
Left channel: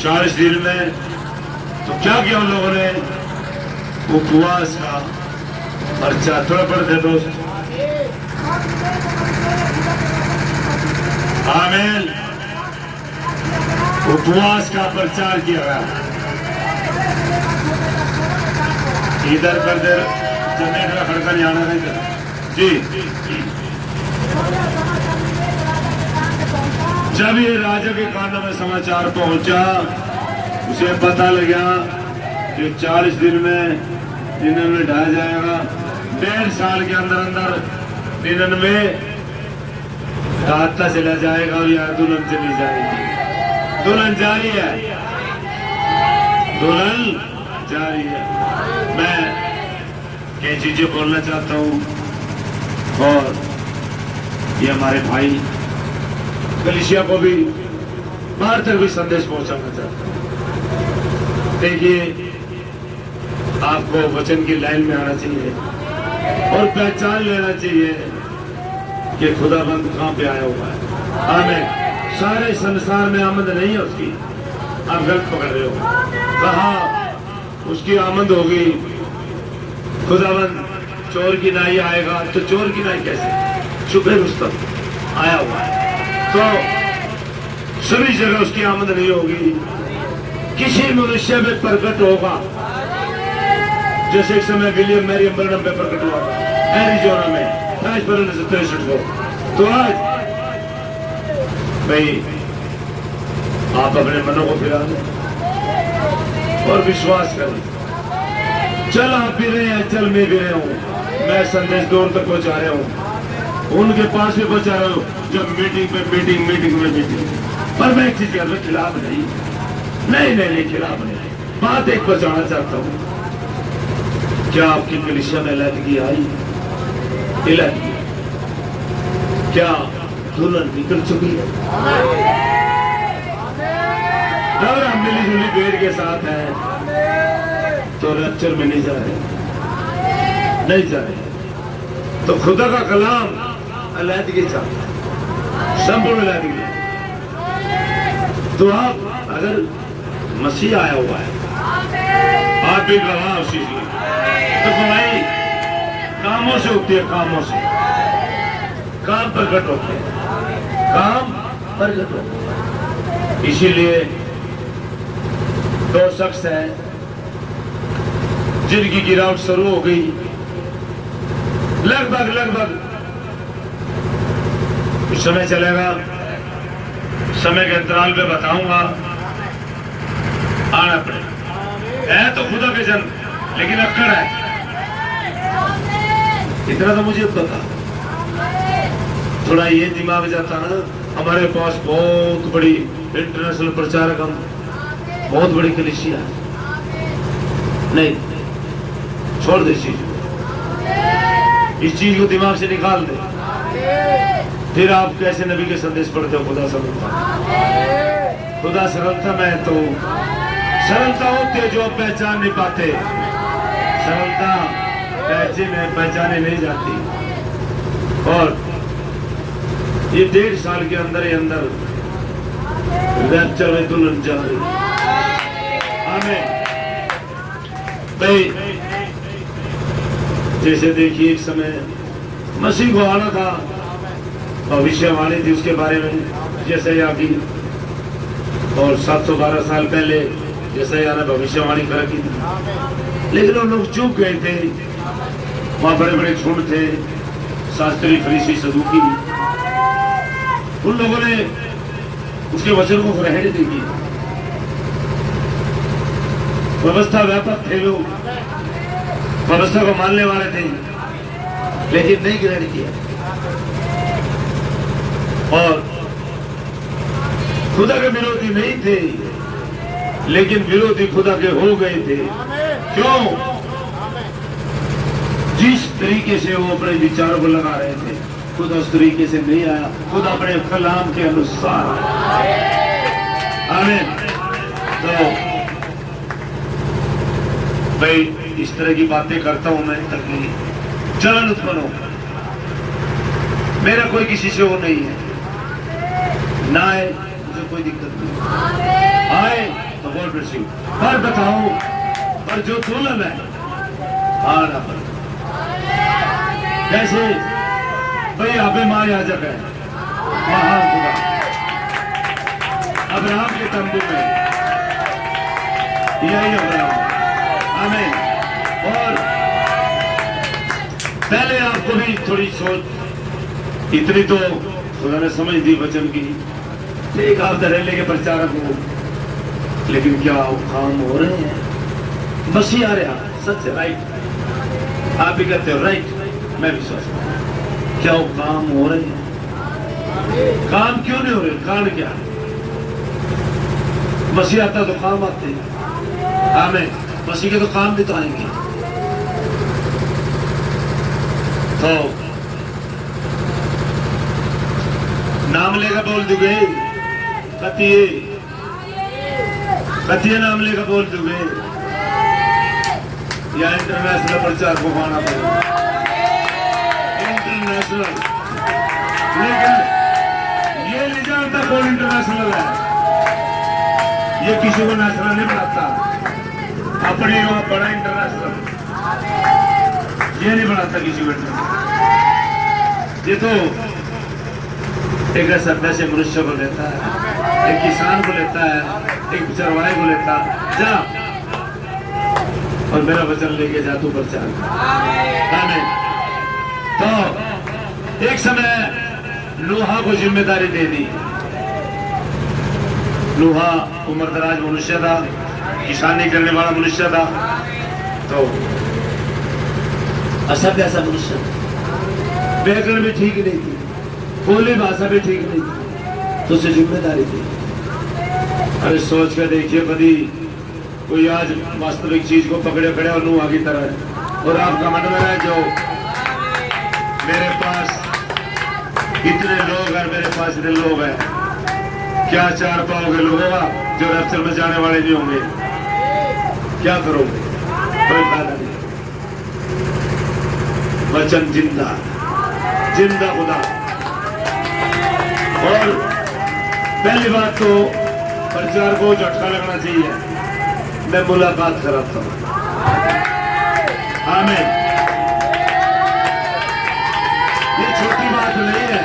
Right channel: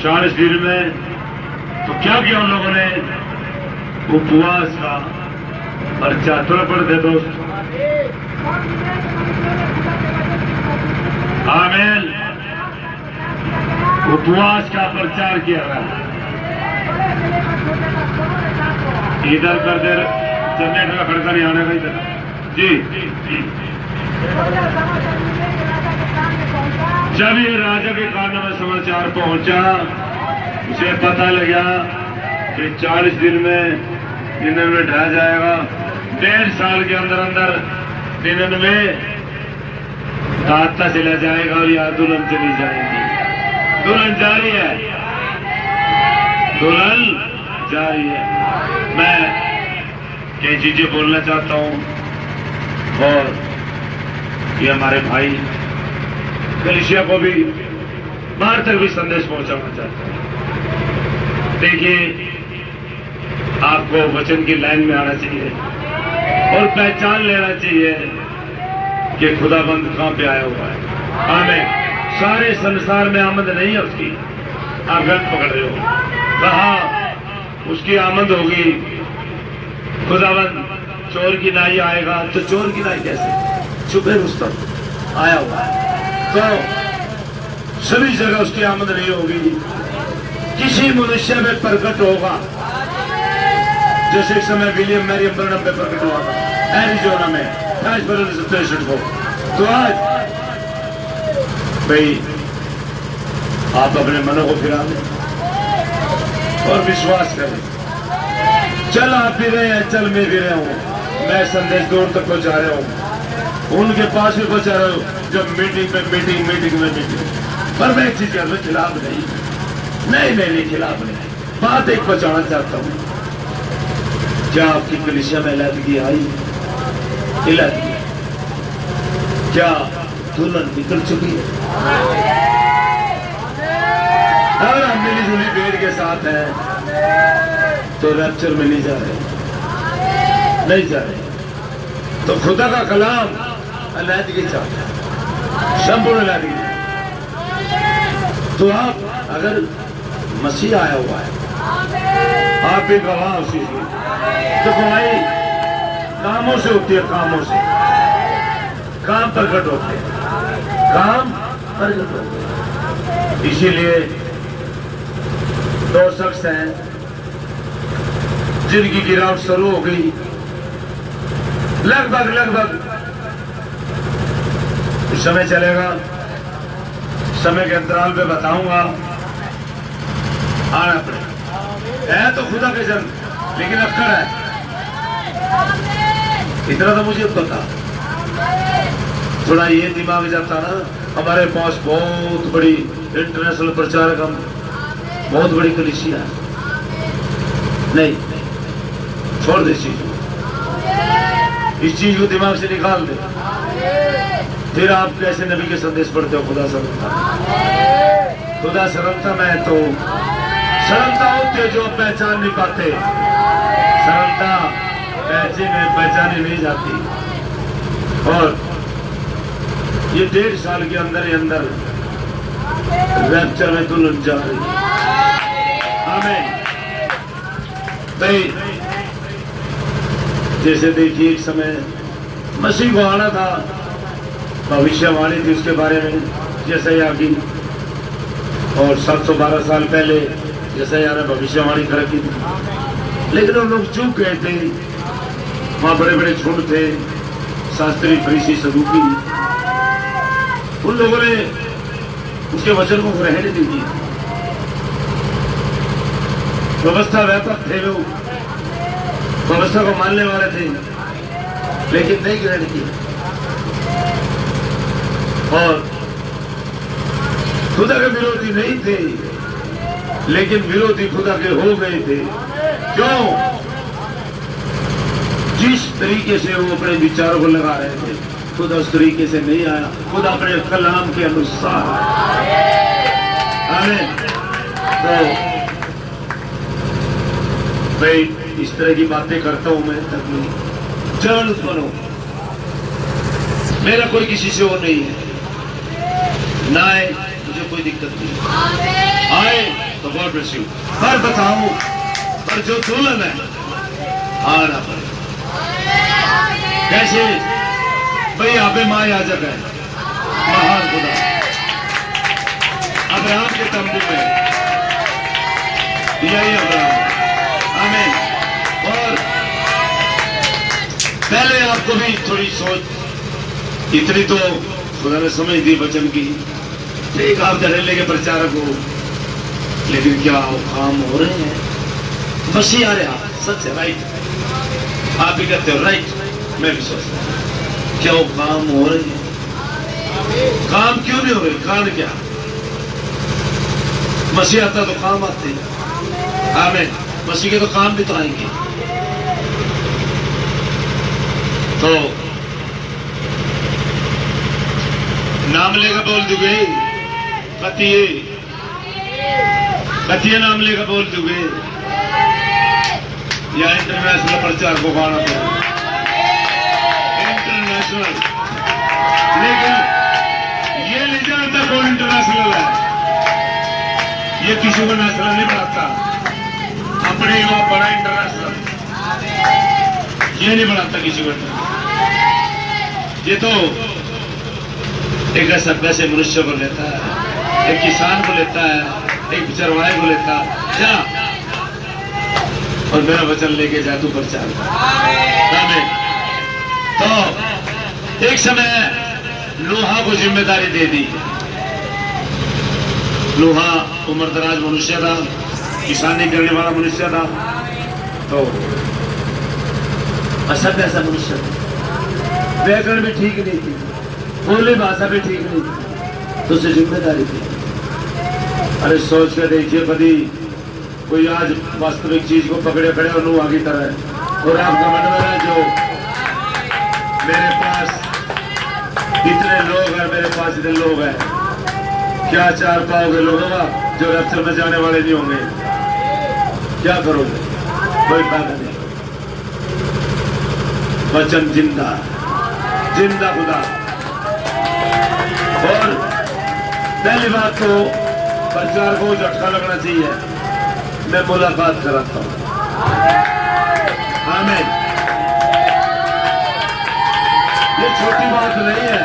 40 दिन में। तो क्या किया उन लोगों ने? उपवास का पर्चा थोड़ा पढ़ते दोस्त। आमीन। उपवास का प्रचार किया गया। इधर कर दे, चलने का खड़का नहीं आना था इधर जी। जब ये राजा के कानों में समाचार पहुंचा, उसे पता लगा कि 40 दिन में 99 ढह जाएगा। 1.5 साल के अंदर अंदर 99 रास्ता चला जाएगा और यार दुल्हन चली जाएगी। दुल्हन जारी है, दुल्हन जारी है। मैं कई चीजें बोलना चाहता हूं और ये हमारे भाई कलीसिया को भी बाहर तक भी संदेश पहुंचाना चाहते हैं। देखिए, आपको वचन की लाइन में आना चाहिए और पहचान लेना चाहिए कि खुदाबंद कहां पे आया हुआ है। आमीन। सारे संसार में आमद नहीं है उसकी, आप गलत पकड़ रहे हो। कहा उसकी आमद होगी, खुदाबंद चोर की नाई आएगा, तो चोर की नाई कैसे? छुपे रुस्तम आया हुआ है। तो सभी जगह उसकी आमद नहीं होगी, किसी मनुष्य में प्रकट होगा। जैसे एक समय विलियम मैरियम बर्नम पे प्रकट हुआ था एरिजोना में 63 को। तो आज भाई आप अपने मनों को फिरा दें और विश्वास करें। चल आप भी रहे हैं, चल मैं भी रहा हूं। मैं संदेश दूर तक पहुंचा रहा हूं, उनके पास भी पहुंचा रहा हूं। जब मीटिंग पे मीटिंग में मीटिंग, पर मैं एक चीज के खिलाफ नहीं खिलाफ नहीं। बात एक पहुंचाना चाहता हूं। क्या आपकी कलीसिया में अलहदगी आई? अलहदगी क्या दुल्हन निकल चुकी है? अगर हम मिली जुली भीड़ के साथ हैं तो रैप्चर में नहीं जा रहे। तो खुदा का कलाम अलहदगी चाहता है, संपूर्ण अलहदगी। तो आप अगर मसीह आया हुआ है, आप भी गवाह उसी की। तो भलाई कामों से होती है, कामों से काम प्रकट होते हैं, काम प्रकट होते हैं। इसीलिए 2 शख्स हैं जिनकी गिरावट शुरू हो गई। लगभग समय चलेगा, समय के अंतराल पे बताऊंगा। आना पड़ेगा। है तो खुदा के जन, लेकिन अक्कड़ है। इतना तो मुझे पता। थोड़ा ये दिमाग जाता ना, हमारे पास बहुत बड़ी इंटरनेशनल प्रचारक, हम बहुत बड़ी कलीसिया। नहीं, छोड़ दे इस चीज को, इस चीज को दिमाग से निकाल दे। फिर आप कैसे नबी के संदेश पढ़ते हो? खुदा सरलता में तो सरलता होती है जो पहचान नहीं पाते। सरलता पैसे में पहचाने नहीं जाती। और ये 1.5 साल के अंदर ही अंदर रैप्चर में दुल्हन जा रही। आमीन। भाई जैसे देखिए, एक समय मसीह को आना था, भविष्यवाणी थी उसके बारे में, जैसे आगे। और 712 साल पहले जैसा यार भविष्यवाणी कर की थी, लेकिन उन लोग चूक गए थे। वहां बड़े बड़े झुंड थे, शास्त्री, फरीसी, सदूकी। उन लोगों ने उसके वचन को ग्रहण नहीं किया। व्यवस्था व्यापक थे लोग, व्यवस्था को मानने वाले थे, लेकिन नहीं ग्रहण किया। और खुदा के विरोधी नहीं थे, लेकिन विरोधी खुदा के हो गए थे। क्यों? जिस तरीके से वो अपने विचारों को लगा रहे थे, खुदा उस तरीके से नहीं आया। खुदा अपने कलाम के अनुसार आए। तो भाई इस तरह की बातें करता हूं मैं ताकि जलन उत्पन्न हो। मेरा कोई किसी से वो नहीं है, ना आए मुझे कोई दिक्कत नहीं, आए तो गॉड ब्लेस यू। पर बताओ, पर जो तुलन है आना पर कैसे? भाई अबे माँ याजक है, महान खुदा अब्राहम के तंबू में, यही अब्राहम। आमीन। और पहले आपको भी थोड़ी सोच, इतनी तो खुदा ने समझ दी वचन की। ठीक, आप धड़ेले के प्रचारक हो, लेकिन क्या वो काम हो रहे हैं? मसीह आ रहा, सच है, राइट। आप भी कहते हो राइट, मैं भी सोचता हूं क्या वो काम हो रहे हैं? काम क्यों नहीं हो रहे? कारण क्या? मसीह आता तो काम आते हैं। आमीन। मसीह के तो काम भी तो आएंगे। तो नाम लेगा बोल दोगे, कतिये नाम लेगा बोल दोगे, या इंटरनेशनल प्रचार को गाना पड़ेगा? इंटरनेशनल। लेकिन ये नहीं जानता कौन इंटरनेशनल है। ये किसी को नेशनल नहीं बनाता, अपने को बड़ा इंटरनेशनल ये नहीं बनाता किसी को। ये तो एक ऐसा वैसे मनुष्य को लेता है, एक किसान को लेता है, एक चरवाहे को लेता, जा और मेरा वचन लेके जा तू प्रचार। तो एक समय लोहा को जिम्मेदारी दे दी। लोहा उम्रदराज मनुष्य था, किसानी करने वाला मनुष्य था। तो असभ्य ऐसा मनुष्य था, व्याकरण भी ठीक नहीं थी, बोली भाषा भी ठीक नहीं थी, तो उसे जिम्मेदारी थी। अरे सोच कर देखिए, कभी कोई आज वास्तविक चीज को पकड़े खड़े और नूहा की तरह, और आपका मन में है जो मेरे पास इतने लोग हैं, मेरे पास इतने लोग हैं, क्या चार पाओगे लोगों का जो रफ्तर में जाने वाले नहीं होंगे? क्या करोगे? कोई फायदा नहीं। वचन जिंदा, जिंदा खुदा। और पहली बात तो प्रचार को झटका लगना चाहिए। मैं मुलाकात कराता हूं। आमीन। ये छोटी बात नहीं है,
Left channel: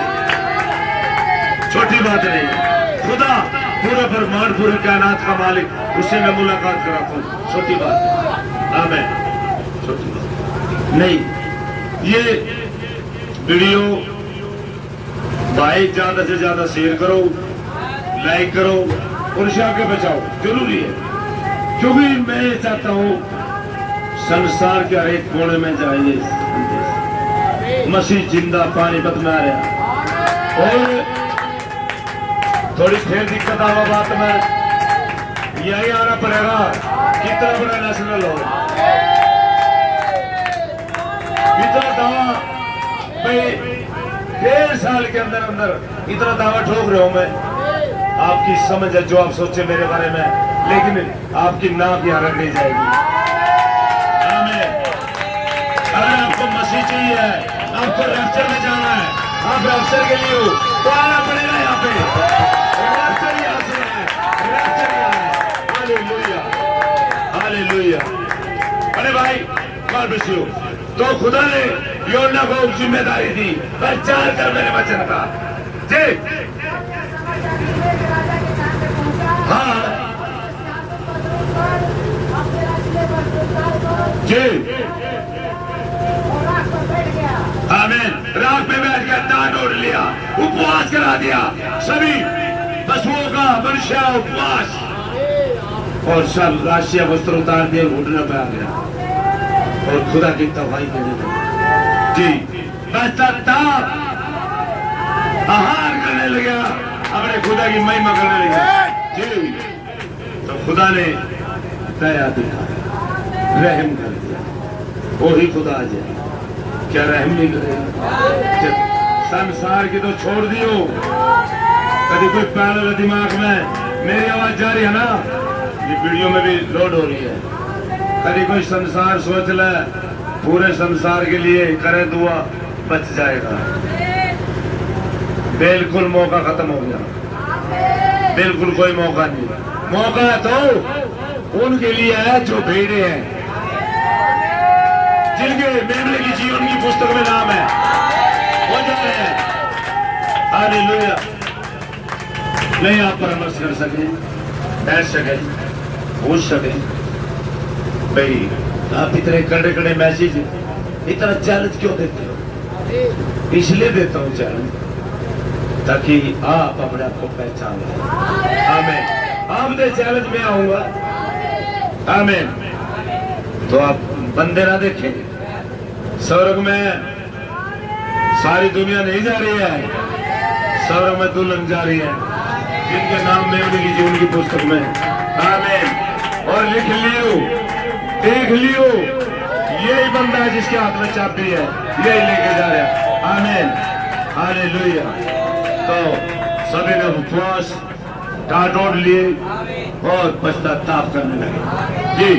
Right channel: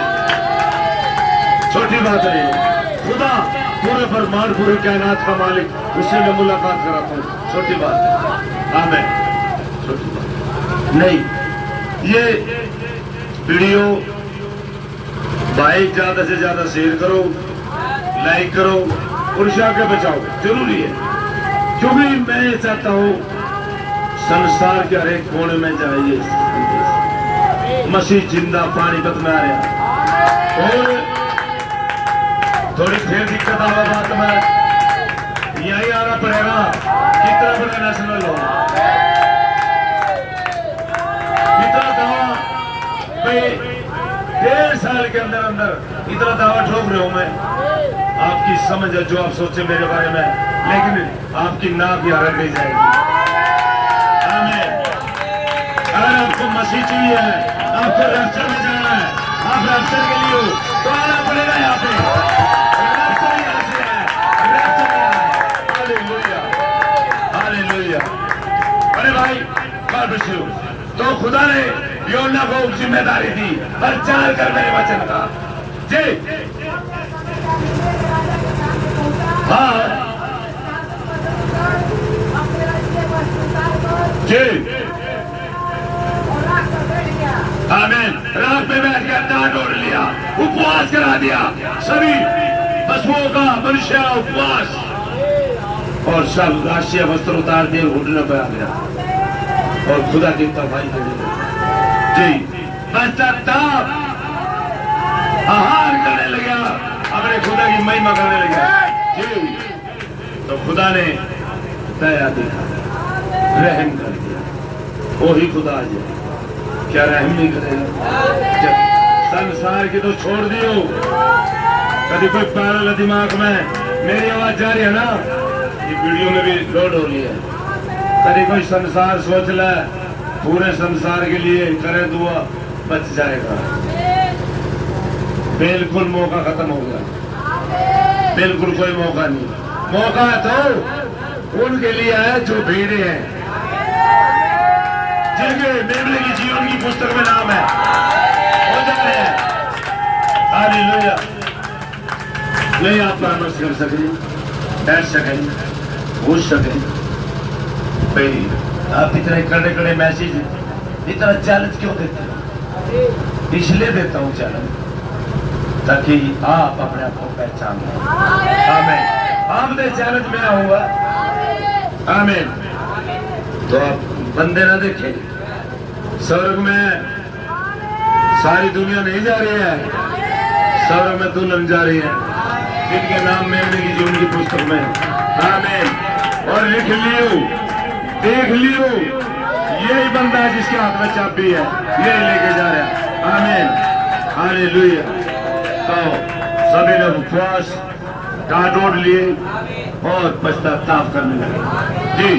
छोटी बात नहीं है। खुदा पूरे ब्रह्मांड, पूरे कायनात का मालिक, उससे मैं मुलाकात कराता हूं। छोटी बात है। आमीन। छोटी बात नहीं। ये वीडियो भाई ज्यादा से ज्यादा शेयर करो, लाइक करो और इसे आगे बचाओ, जरूरी है। क्योंकि मैं चाहता हूं संसार के हर एक कोने में जाए ये संदेश। मसीह जिंदा पानीपत में आ रहा। और थोड़ी फिर दिक्कत आवा बात में, यही आना पड़ेगा कितना बड़ा नेशनल हो, इतना दावा भाई 1.5 साल के अंदर अंदर इतना दावा ठोक रहे हो। मैं आपकी समझ है जो आप सोचे मेरे बारे में, लेकिन आपकी नाक यहाँ रख नहीं जाएगी। अगर आपको मसीह चाहिए, आपको रफ्तर में जाना है, आप रफ्तर के लिए हो तो आना पड़ेगा यहाँ पे। रफ्तर यहाँ से है, रफ्तर यहाँ है। Hallelujah, hallelujah. अरे भाई गॉड ब्लेस यू। तो खुदा ने योना को जिम्मेदारी दी, प्रचार कर मेरे वचन का। जी हाँ, जी आमीन। रात पे बैठ कर दान ओढ़ लिया, उपवास करा दिया, सभी पशुओं का मनुष्य उपवास, और सब राष्ट्रीय वस्त्र उतार दिए, घुटने पर आ गया और खुदा की तवाई देने लगा। जी बस ताप आहार करने लगा, अपने खुदा की महिमा करने लगा। जी तो खुदा ने दया दिखा, रहम कर दिया। वही खुदा आज है, क्या रहम नहीं करेगा? जब संसार की तो छोड़ दियो, कभी कोई पैरल दिमाग में मेरी आवाज जा रही है ना, ये वीडियो में भी लोड हो रही है। कभी कोई संसार सोच ले, पूरे संसार के लिए करे दुआ, बच जाएगा। बिल्कुल मौका खत्म हो गया, बिल्कुल कोई मौका नहीं। मौका तो उनके लिए है जो भेड़े हैं, जिनके मेमने की जीवन की पुस्तक में नाम है, हो जा रहे हैं। हालेलुया। नहीं आप परामर्श कर सके, बैठ सके, पूछ सके, भाई आप इतने कड़े कड़े मैसेज, इतना चैलेंज क्यों देते हो? इसलिए देता हूं चैलेंज ताकि आप अपने आप को पहचान लें। आमीन। आपने चैलेंज में आऊंगा, आमीन। तो आप बंदे ना देखें, स्वर्ग में सारी दुनिया नहीं जा रही है, स्वर्ग में दुल्हन जा रही है, जिनके नाम मेमने की जीवन की पुस्तक में। आमीन। और लिख लियो, देख लियो, यही बंदा जिसके हाथ में चाबी है, यही लेके जा रहा है। आमीन। हालेलुया। तो सभी ने उपवास डांट ओढ़ लिए और पश्चाताप करने लगे। जी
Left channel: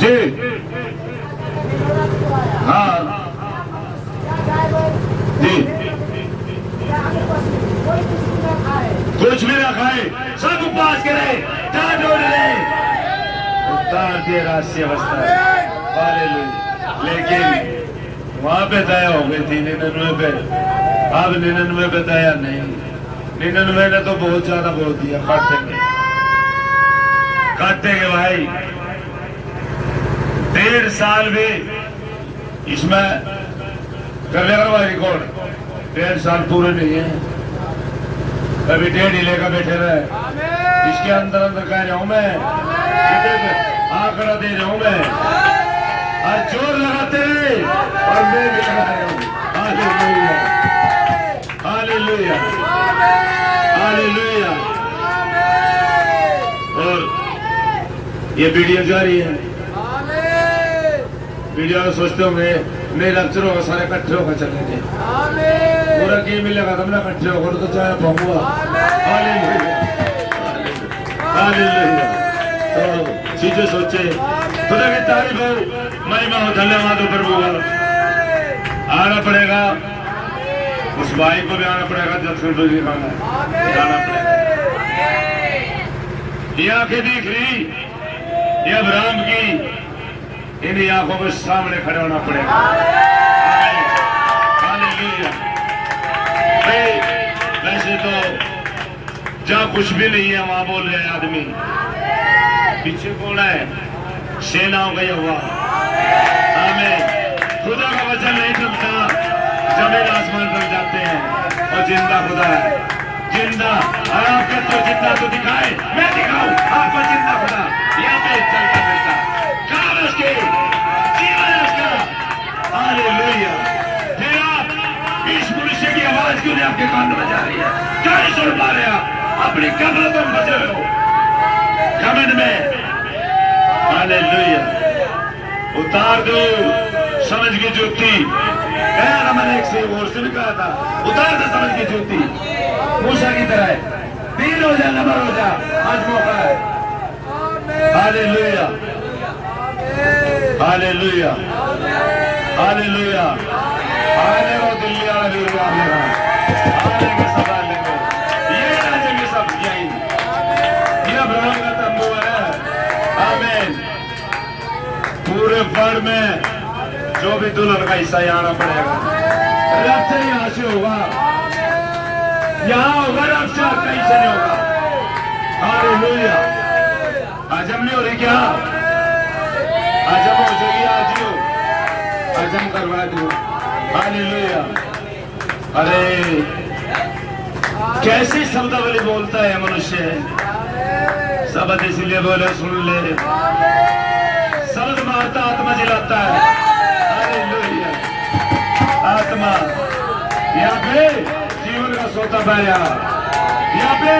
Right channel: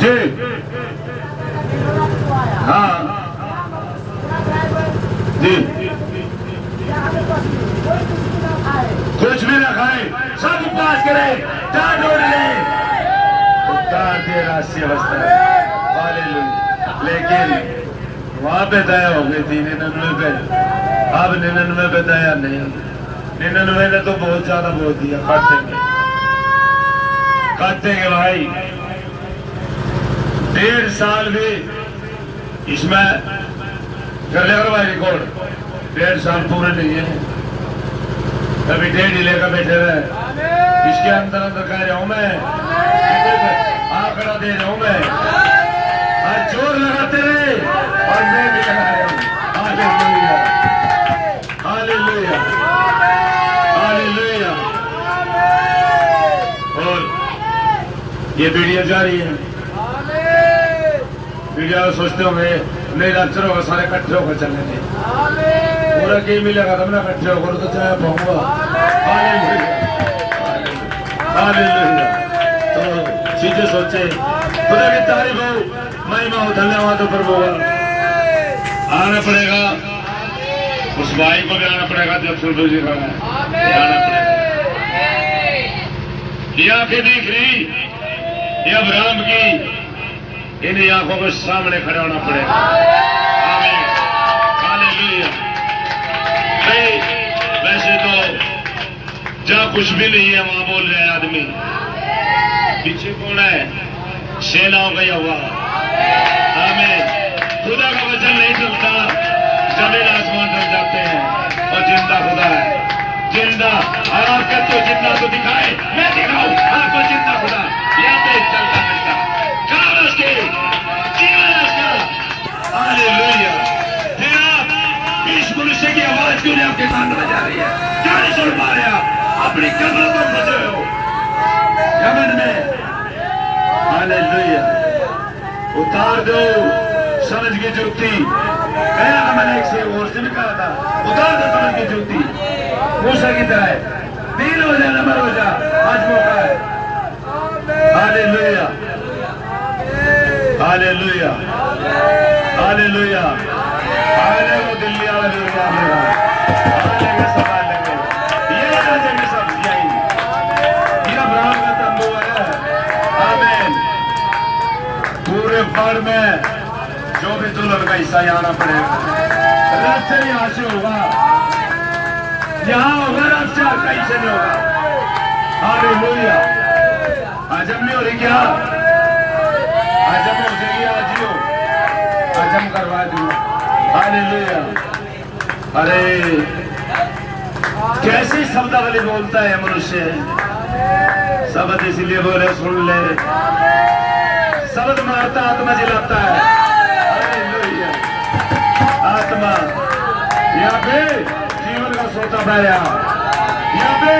जी हाँ जी, कुछ भी ना खाए, सब उपवास करे, डांट ओढ़ ले, उतार दिए राष्ट्रीय वस्त्र। हालेलुया। लेकिन वहां पे दया हो गई थी 99 पे, अब 99 पे दया नहीं। 99 ने तो बहुत ज्यादा बोल दिया, काटेंगे काटेंगे भाई। 1.5 साल में इसमें कर लेगा भाई रिकॉर्ड, 1.5 साल पूरे नहीं है, अभी 1.5 ही लेकर बैठे रहे। इसके अंदर अंदर कह रहा हूं मैं, आंकड़ा दे रहा हूं मैं, आज जोर लगाते रहे और मैं भी लगा रहा हूं। Hallelujah, hallelujah, hallelujah. और ये वीडियो जारी है, वीडियो सोचते होंगे मेरे अक्षर होगा सारे इकट्ठे होकर चलेंगे, पूरा की मिलेगा तब ना इकट्ठे होकर तो चाहे पाऊंगा। Hallelujah, hallelujah. तो चीजें सोचे, खुदा की तारीफ हो, महिमा हो, धन्यवाद हो प्रभु का। आना पड़ेगा, उस भाई को भी आना पड़ेगा, जब सुन जी का आना पड़ेगा। ये आंखें दिख रही, ये अब्राहम की, इन आंखों के सामने खड़ा होना पड़ेगा। हालेलुया। वैसे तो जहाँ कुछ भी नहीं है वहां बोल रहे हैं आदमी, पीछे कौन है? सेनाओं का यहोवा। आमीन। खुदा का वचन नहीं चलता, जमीन आसमान चल जाते हैं, और जिंदा खुदा है, जिंदा। और आपका तो जितना तो दिखाए, मैं दिखाऊं आपको जिंदा खुदा, यहाँ पे चलता फिरता काम उसके, जीवन उसका। हालेलुया। फिर आप इस मनुष्य की आवाज क्यों नहीं आपके कान में जा रही है? क्या नहीं सुन पा रहे आप? अपनी कब्र में फंसे हो, जमीन में। हालेलुया। उतार दो समझ की ज्योति। कहना मैंने एक से और से भी कहा था, उतार दो समझ की ज्योति, मूसा की तरह। 3 हो जा, नंबर हो जा, आज मौका है। Hallelujah, hallelujah, hallelujah. आने वो दिल्ली हालेलुया, आने सब आएंगे, ये आ जाएंगे सब, यही ये अब्राहम का तंबू है। आमीन। पूरे वर्ल्ड में जो भी दुल्हन का हिस्सा आना पड़ेगा, रथ से यहाँ से होगा, यहाँ होगा, रथ से कहीं से नहीं होगा। हालेलुया, हजम नहीं हो रही क्या? हजम हो जाएगी आज ही हो, हजम करवा दो। हालेलुया। अरे कैसी शब्दावली बोलता है मनुष्य, शब्द इसलिए बोले सुन ले, शब्द मारता आत्मा जिलाता है। हालेलुया। आत्मा यहाँ पे जीवन का सोता पाया, यहाँ पे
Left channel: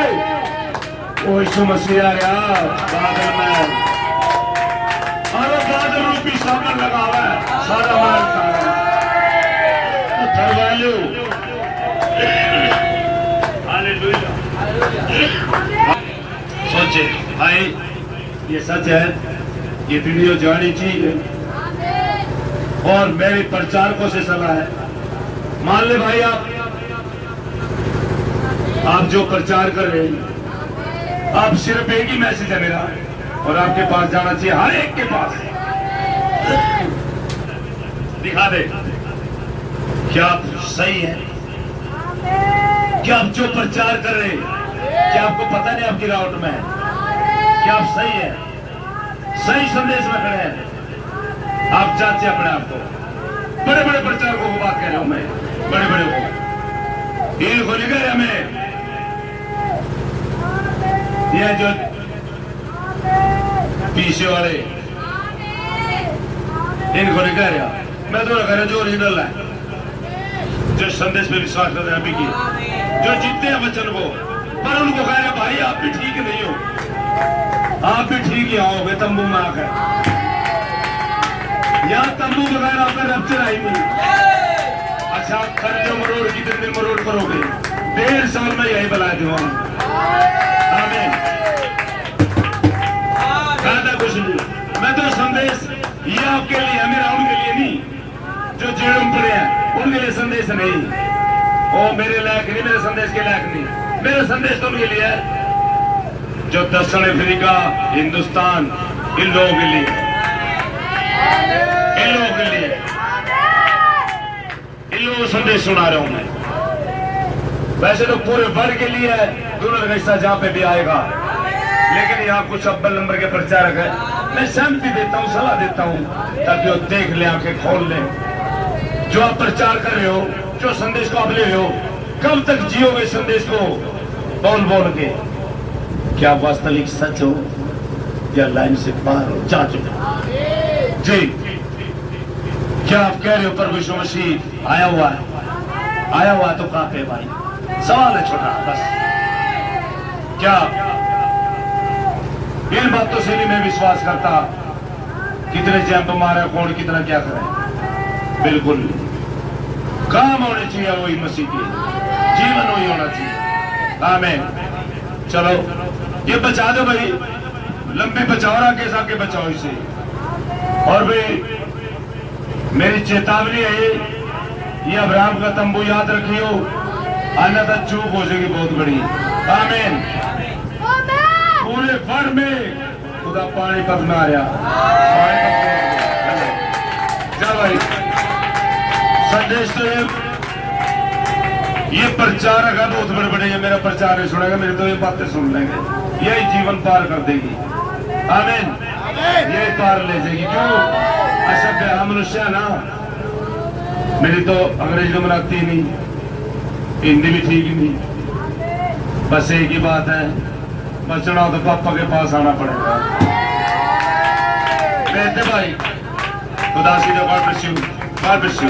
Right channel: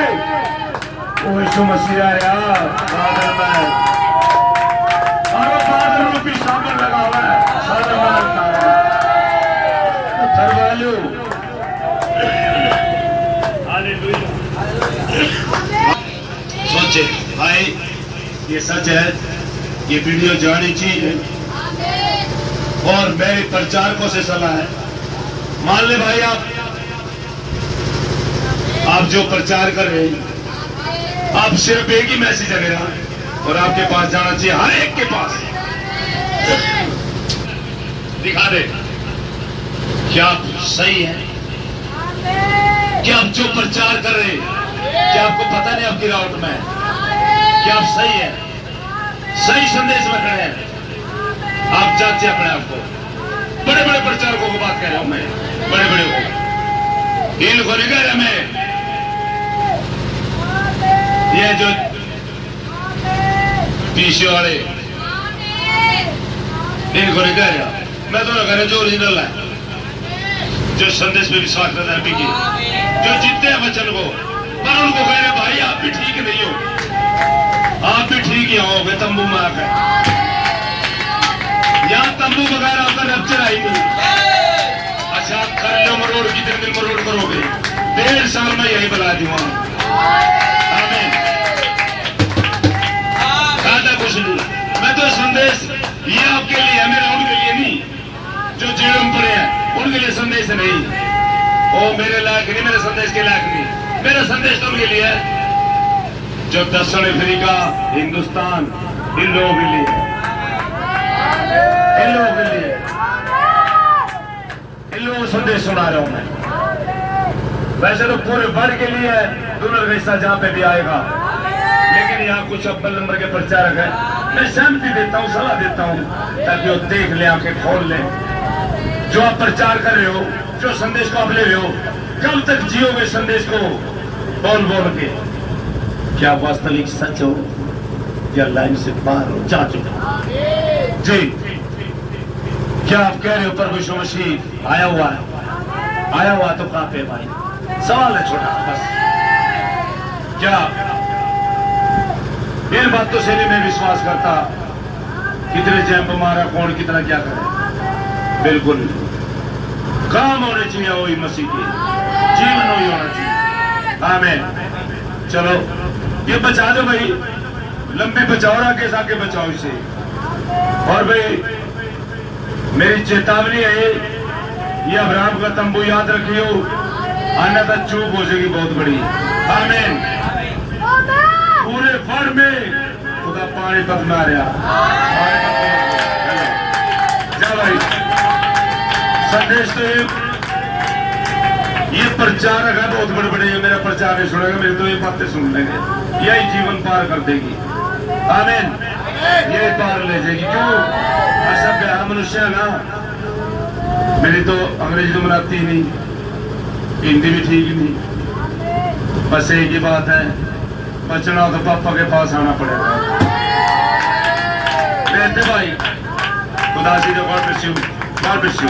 वो यीशु मसीह आया बादल में, और वो बादल रूपी सामने लगा हुआ है, सारा मारता है। हालेलुया। सोचे भाई, ये सच है, ये वीडियो जानी चाहिए। और मेरे प्रचारकों से सलाह है, मान ले भाई आप जो प्रचार कर रहे हैं, आप सिर्फ एक ही मैसेज है मेरा, और आपके पास जाना चाहिए, हर एक के पास। दिखा दे क्या आप सही है, क्या आप जो प्रचार कर रहे हैं, क्या आपको पता नहीं आपकी राउट में है, क्या आप सही है, सही संदेश में खड़े हैं? आप जानते अपने आप को, बड़े बड़े प्रचारकों को बात कह रहा हूं मैं, बड़े बड़े को, इनको नहीं कह रहा मैं, ये जो पीछे वाले, इनको नहीं कह रहा मैं, तो कह रहा जो ओरिजिनल है, जो संदेश में विश्वास करते हैं, अभी की जो जीतते हैं वचन को, पर उनको कह रहे भाई आप भी ठीक नहीं हो, आप भी ठीक ही आओगे तंबू में आकर, यहाँ तंबू वगैरह आकर रैप्चर आई नहीं। अच्छा आप कर लो मरोड़, कितने दिन मरोड़ करोगे? 1.5 साल में यही बना दूंगा। आमीन। फायदा कुछ नहीं, मैं तो संदेश ये आपके लिए है, मेरा उनके लिए नहीं, जो जेल में पड़े हैं उनके लिए संदेश नहीं, वो मेरे लायक नहीं, मेरे संदेश के लायक नहीं। मेरा संदेश तो उनके लिए है जो दक्षिण अफ्रीका, हिंदुस्तान, इन लोगों के लिए, इन लोगों के लिए, इन लोगों को संदेश सुना रहा हूं मैं। वैसे तो पूरे वर्ल्ड के लिए डोनर का हिस्सा जहां पे भी आएगा, लेकिन यहाँ कुछ अव्वल नंबर के प्रचारक है, मैं सहमति देता हूँ, सलाह देता हूँ, ताकि वो देख ले, आंखें खोल ले, जो आप प्रचार कर रहे हो, जो संदेश को आप ले रहे हो, कब तक जियोगे संदेश को बोल बोल के? क्या वास्तविक सच हो या लाइन से बाहर हो, जा चुके जी? क्या आप कह रहे हो प्रभु यीशु मसीह आया हुआ है? आया हुआ तो कहां पे भाई? सवाल है छोटा बस। क्या इन बातों से नहीं मैं विश्वास करता, कितने जंप मारे, कौन कितना क्या करे, बिल्कुल काम होने चाहिए वही मसीह के, जीवन वही होना चाहिए। आमीन। चलो ये बचा दो भाई, लंबी बचाओ, आगे बचाओ इसे। और भाई मेरी चेतावनी है, ये अब्राहम का तंबू याद रखियो, अन्यथा चूक हो जाएगी बहुत बड़ी। आमीन। पूरे फर में खुदा पानी पत मारिया, जा भाई। संदेश तो ये प्रचारक है बहुत बड़े बड़े, मेरा प्रचार नहीं सुनेगा, मेरे तो ये बातें सुन लेंगे, यही जीवन पार कर देगी। आमीन। यही पार ले जाएगी। क्यों? असभ्य मनुष्य है ना, मेरी तो अंग्रेजी तो मनाती नहीं, हिंदी भी ठीक नहीं, बस एक ही बात है, बचना तो पापा के पास आना पड़ेगा। कहते भाई खुदा सी तो God bless you, God bless you.